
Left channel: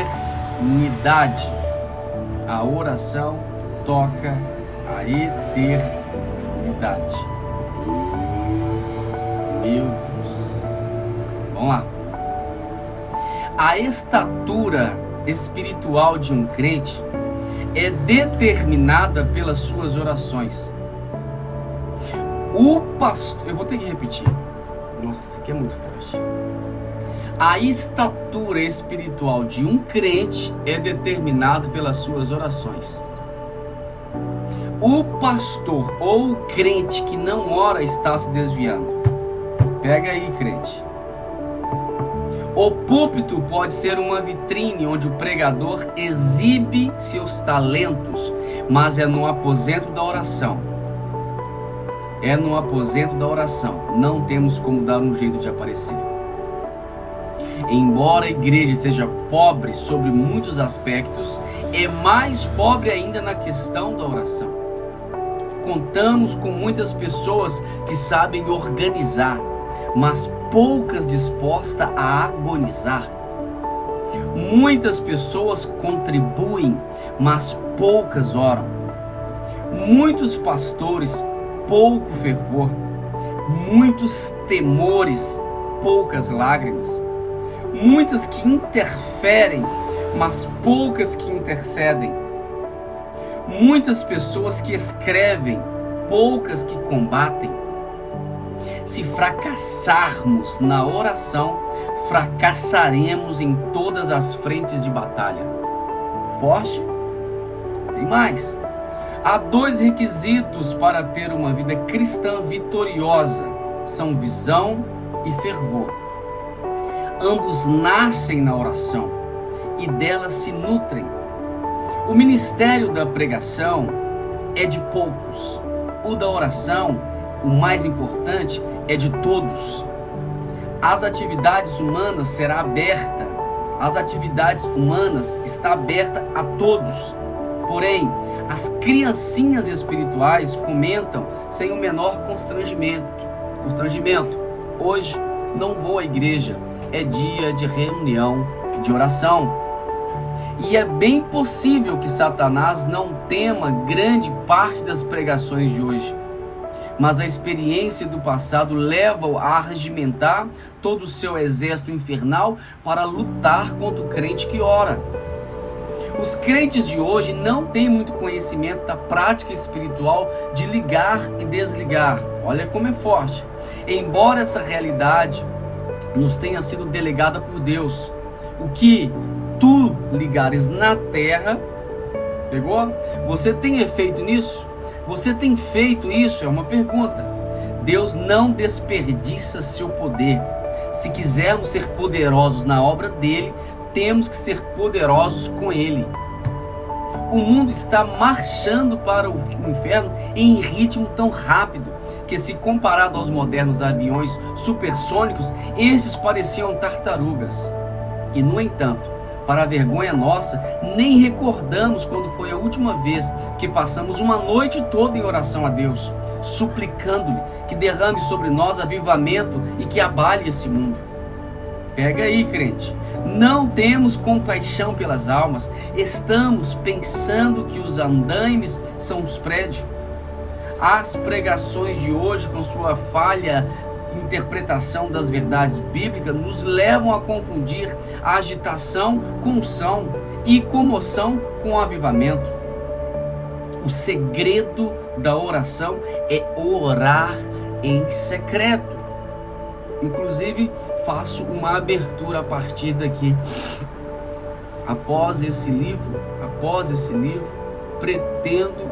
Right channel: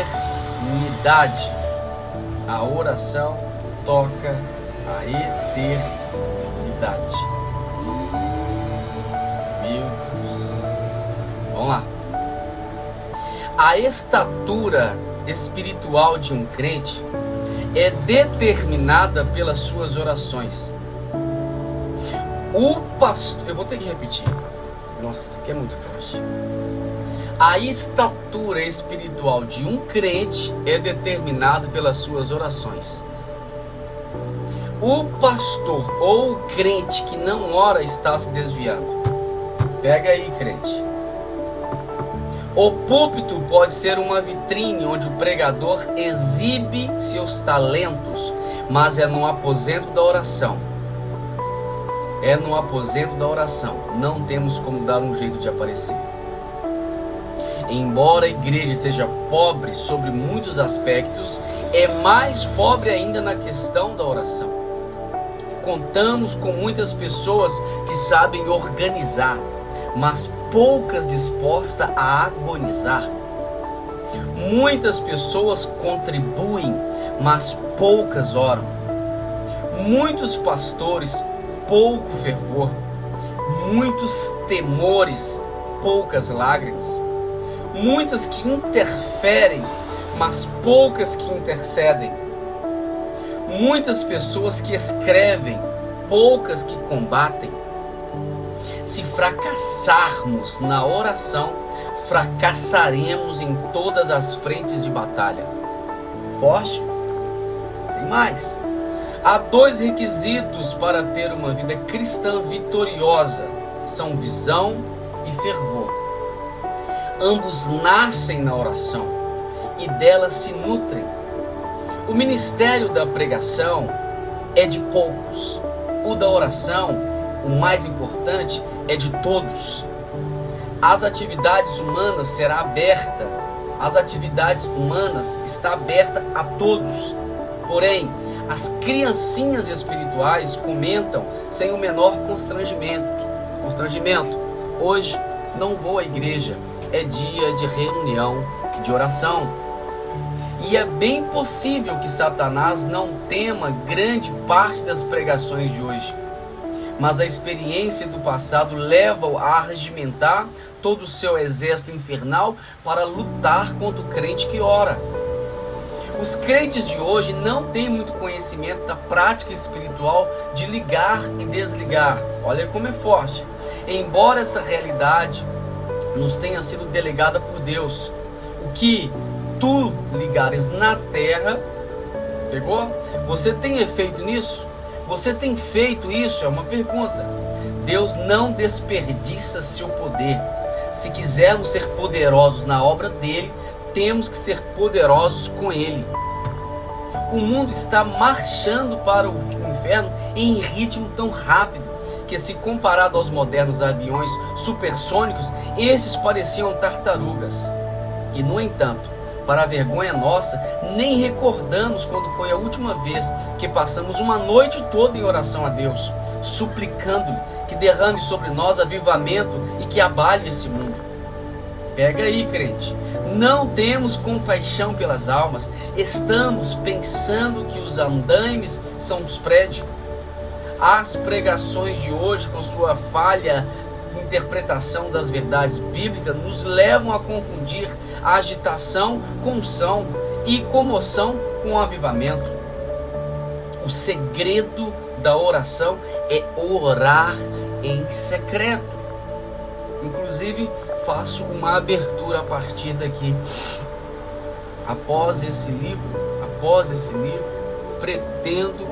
A oração toca a eternidade. Meu Deus. Vamos lá. A estatura espiritual de um crente é determinada pelas suas orações. O pastor, eu vou ter que repetir. Nossa, isso aqui é muito forte. A estatura espiritual de um crente é determinada pelas suas orações. O pastor ou o crente que não ora está se desviando. Pega aí, crente. O púlpito pode ser uma vitrine onde o pregador exibe seus talentos, mas é no aposento da oração. É no aposento da oração. Não temos como dar um jeito de aparecer. Embora a igreja seja pobre sobre muitos aspectos, é mais pobre ainda na questão da oração. Contamos com muitas pessoas que sabem organizar, mas poucas dispostas a agonizar. Muitas pessoas contribuem, mas poucas oram. Muitos pastores, pouco fervor. Muitos temores, poucas lágrimas. Muitas que interferem, mas poucas que intercedem. Muitas pessoas que escrevem, poucas que combatem. Se fracassarmos na oração, fracassaremos em todas as frentes de batalha. Forte? Tem mais. Há 2 requisitos para ter uma vida cristã vitoriosa. São visão e fervor. Ambos nascem na oração e delas se nutrem. O ministério da pregação é de poucos. O da oração, o mais importante, é de todos. As atividades humanas será aberta. As atividades humanas está aberta a todos. Porém, as criancinhas espirituais comentam sem o menor constrangimento. Hoje não vou à igreja, é dia de reunião, de oração. E é bem possível que Satanás não tema grande parte das pregações de hoje. Mas a experiência do passado leva-o a regimentar todo o seu exército infernal para lutar contra o crente que ora. Os crentes de hoje não têm muito conhecimento da prática espiritual de ligar e desligar. Olha como é forte. Embora essa realidade nos tenha sido delegada por Deus, o que tu ligares na terra, pegou? Você tem feito nisso? Você tem feito isso? É uma pergunta. Deus não desperdiça seu poder. Se quisermos ser poderosos na obra dele, temos que ser poderosos com ele. O mundo está marchando para o inferno em ritmo tão rápido que, se comparado aos modernos aviões supersônicos, estes pareciam tartarugas. E, no entanto, para a vergonha nossa, nem recordamos quando foi a última vez que passamos uma noite toda em oração a Deus, suplicando-lhe que derrame sobre nós avivamento e que abale esse mundo. Pega aí, crente. Não temos compaixão pelas almas. Estamos pensando que os andaimes são os prédios. As pregações de hoje, com sua falha interpretação das verdades bíblicas, nos levam a confundir a agitação com unção e comoção com avivamento. O segredo da oração é orar em secreto. Inclusive, faço uma abertura a partir daqui. Após esse livro, pretendo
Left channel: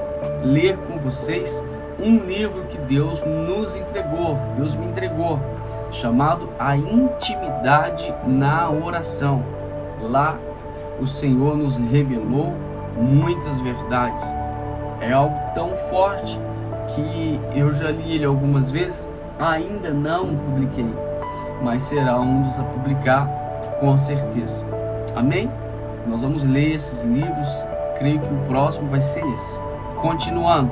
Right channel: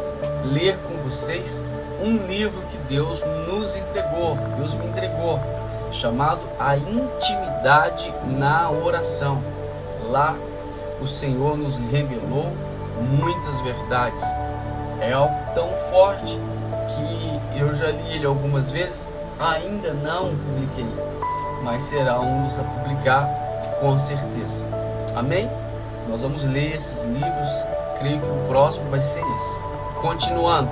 ler com vocês um livro que Deus nos entregou, Deus me entregou, chamado A Intimidade na Oração. Lá o Senhor nos revelou muitas verdades. É algo tão forte que eu já li ele algumas vezes ainda não publiquei, mas será um dos a publicar com certeza. Amém? Nós vamos ler esses livros, creio que o próximo vai ser esse. Continuando.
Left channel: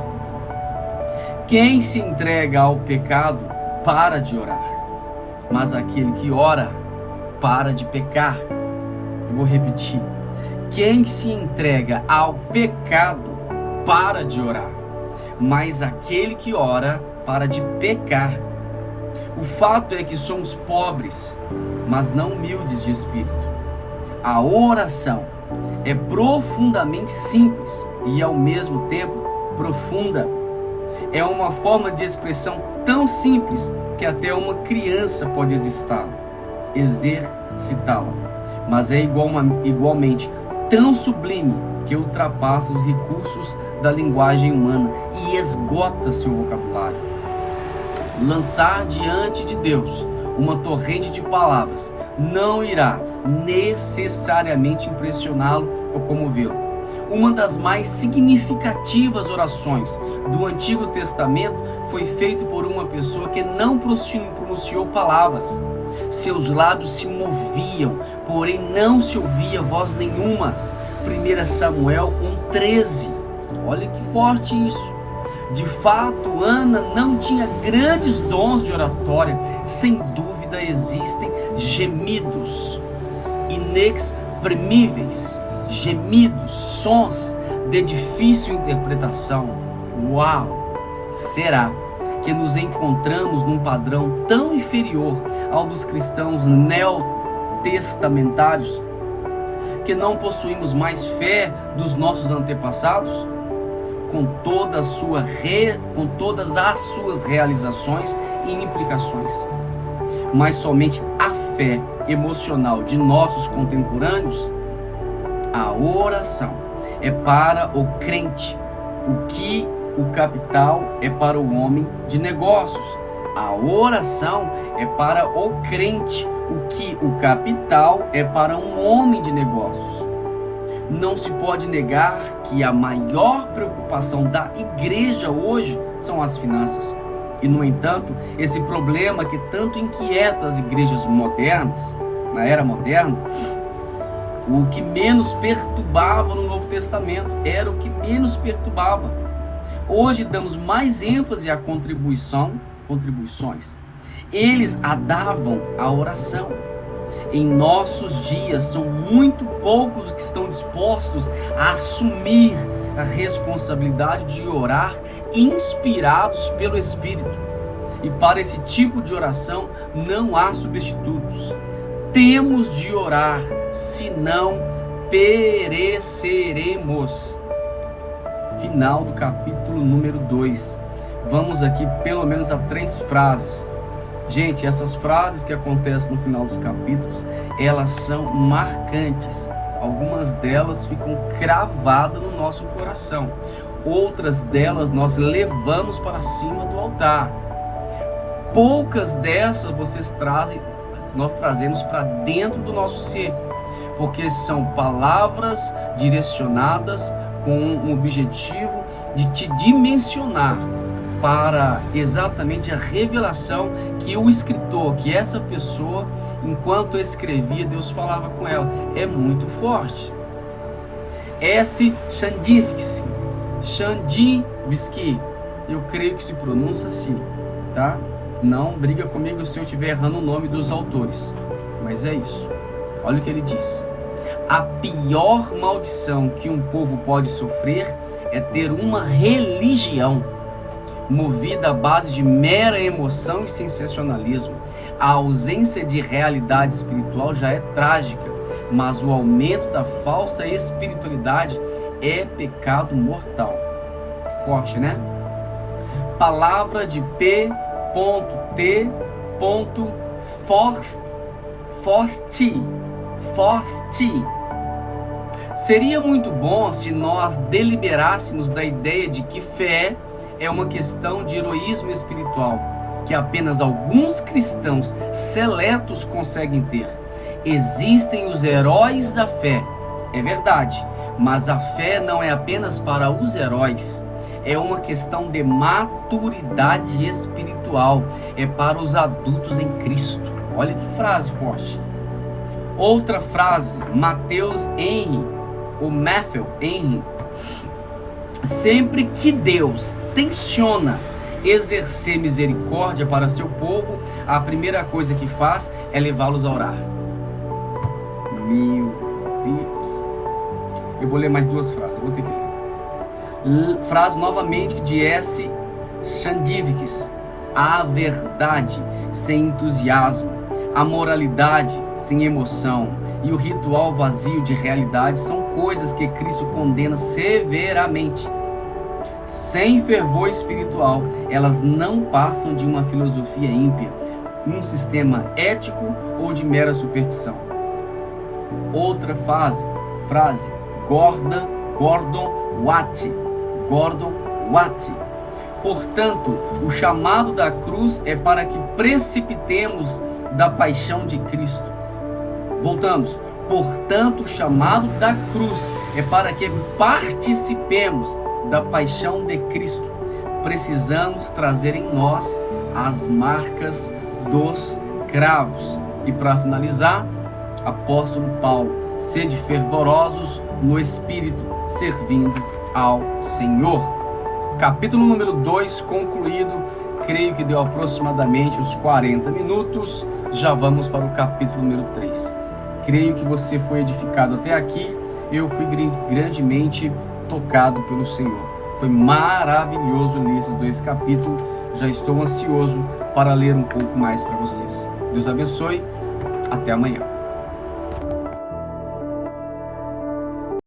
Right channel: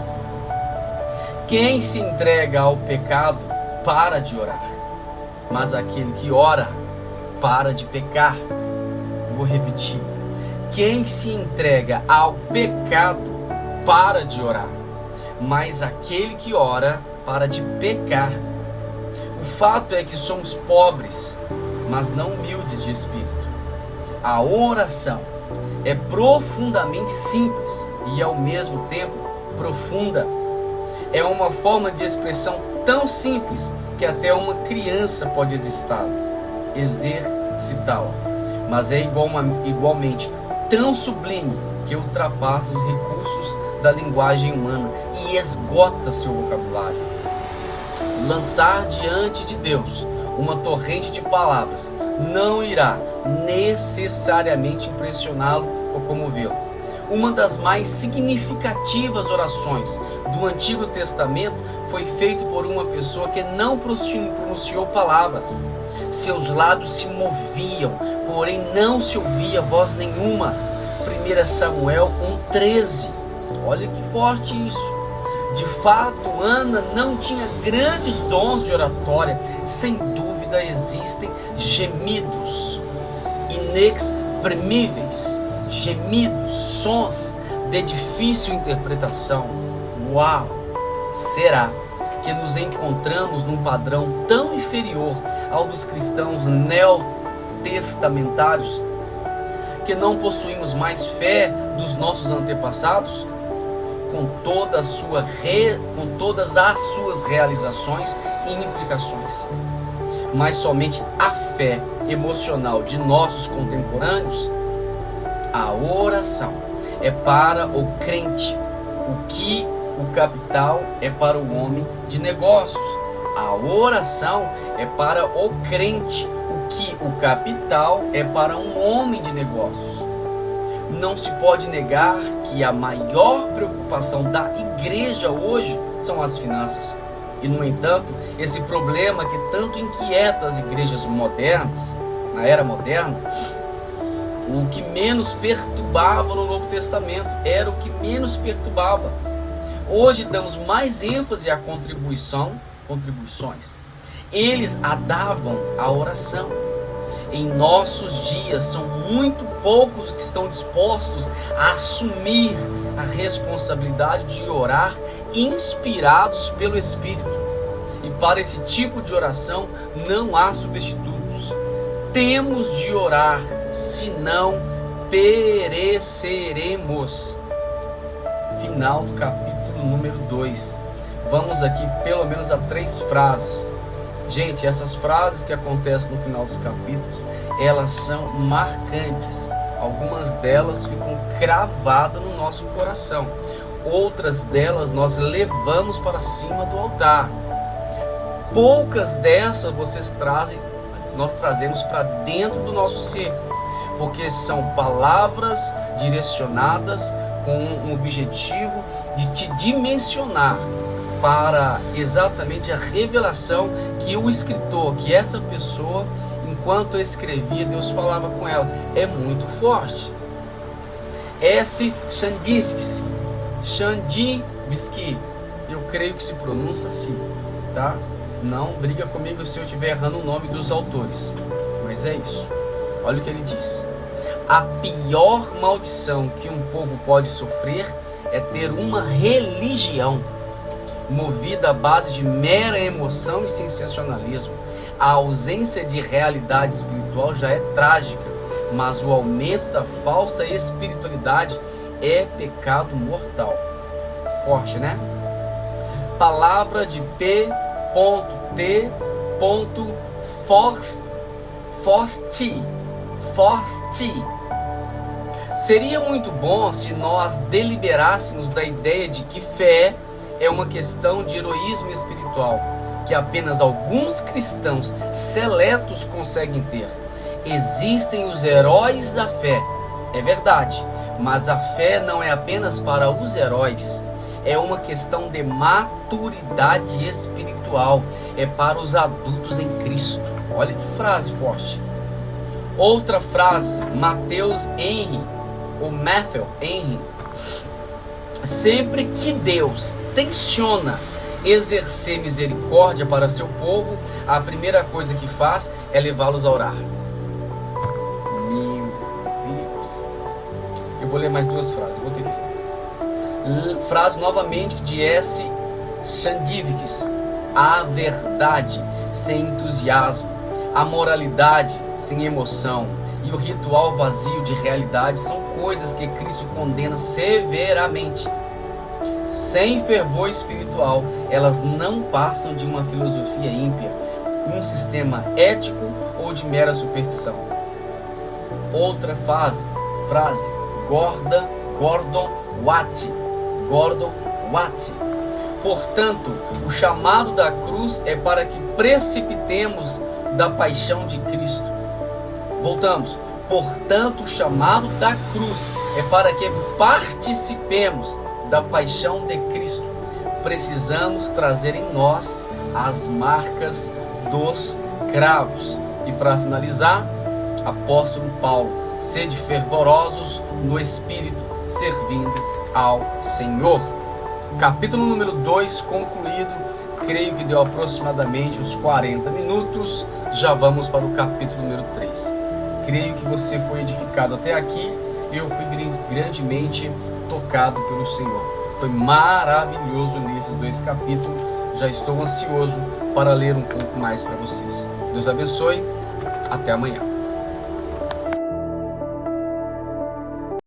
Quem se entrega ao pecado para de orar, mas aquele que ora para de pecar. Eu vou repetir. Quem se entrega ao pecado para de orar, mas aquele que ora para de pecar. O fato é que somos pobres, mas não humildes de espírito. A oração é profundamente simples e ao mesmo tempo profunda. É uma forma de expressão tão simples que até uma criança pode exercitá-la, mas é igualmente tão sublime que ultrapassa os recursos da linguagem humana e esgota seu vocabulário. Lançar diante de Deus uma torrente de palavras não irá necessariamente impressioná-lo ou comovê-lo. Uma das mais significativas orações do Antigo Testamento foi feita por uma pessoa que não pronunciou palavras. Seus lábios se moviam, porém não se ouvia voz nenhuma. 1 Samuel 1,13. Olha que forte isso. De fato, Ana não tinha grandes dons de oratória. Sem dúvida existem gemidos inexprimíveis, gemidos, sons de difícil interpretação. Uau! Será que nos encontramos num padrão tão inferior ao dos cristãos neotestamentários que não possuímos mais fé dos nossos antepassados? Com todas as suas realizações e implicações, mas somente a fé emocional de nossos contemporâneos? A oração é para o crente o que o capital é para o homem de negócios. A oração é para o crente o que o capital é para um homem de negócios. Não se pode negar que a maior preocupação da igreja hoje são as finanças. E, no entanto, esse problema que tanto inquieta as igrejas modernas, na era moderna, o que menos perturbava no Novo Testamento era o que menos perturbava. Hoje damos mais ênfase à contribuições. Eles a davam à oração. Em nossos dias são muito poucos os que estão dispostos a assumir a responsabilidade de orar inspirados pelo Espírito. E para esse tipo de oração não há substitutos. Temos de orar, senão pereceremos. Final do capítulo número 2. Vamos aqui pelo menos a 3 frases. Gente, essas frases que acontecem no final dos capítulos, elas são marcantes. Algumas delas ficam cravadas no nosso coração. Outras delas nós levamos para cima do altar. Poucas dessas nós trazemos para dentro do nosso ser, porque são palavras direcionadas com um objetivo de te dimensionar para exatamente a revelação que o escritor, que essa pessoa, enquanto escrevia, Deus falava com ela. É muito forte. S. Chandivsky, eu creio que se pronuncia assim, tá? Não briga comigo se eu estiver errando o nome dos autores, mas é isso. Olha o que ele diz: a pior maldição que um povo pode sofrer é ter uma religião movida à base de mera emoção e sensacionalismo. A ausência de realidade espiritual já é trágica, mas o aumento da falsa espiritualidade é pecado mortal. Forte, né? Palavra de P.T. Forsti. Seria muito bom se nós deliberássemos da ideia de que fé é uma questão de heroísmo espiritual, que apenas alguns cristãos seletos conseguem ter. Existem os heróis da fé, é verdade, mas a fé não é apenas para os heróis, é uma questão de maturidade espiritual, é para os adultos em Cristo. Olha que frase forte. Outra frase, Matthew Henry. Sempre que Deus tenciona exercer misericórdia para seu povo, a primeira coisa que faz é levá-los a orar. Meu Deus. Eu vou ler mais duas frases, vou ter que ler. Frase novamente de S. Chandivkis. A verdade sem entusiasmo, a moralidade sem emoção e o ritual vazio de realidade são coisas que Cristo condena severamente. Sem fervor espiritual, elas não passam de uma filosofia ímpia, um sistema ético ou de mera superstição. Outra frase, Gordon Watt. Portanto, o chamado da cruz é para que precipitemos da paixão de Cristo. Voltamos. Portanto, o chamado da cruz é para que participemos da paixão de Cristo. Precisamos trazer em nós as marcas dos cravos. E para finalizar, apóstolo Paulo: sede fervorosos no Espírito, servindo ao Senhor. Capítulo número 2 concluído. Creio que deu aproximadamente uns 40 minutos. Já vamos para o capítulo número 3. Creio que você foi edificado até aqui. Eu fui grandemente tocado pelo Senhor. Foi maravilhoso ler esses 2 capítulos. Já estou ansioso para ler um pouco mais para vocês. Deus abençoe. Até amanhã.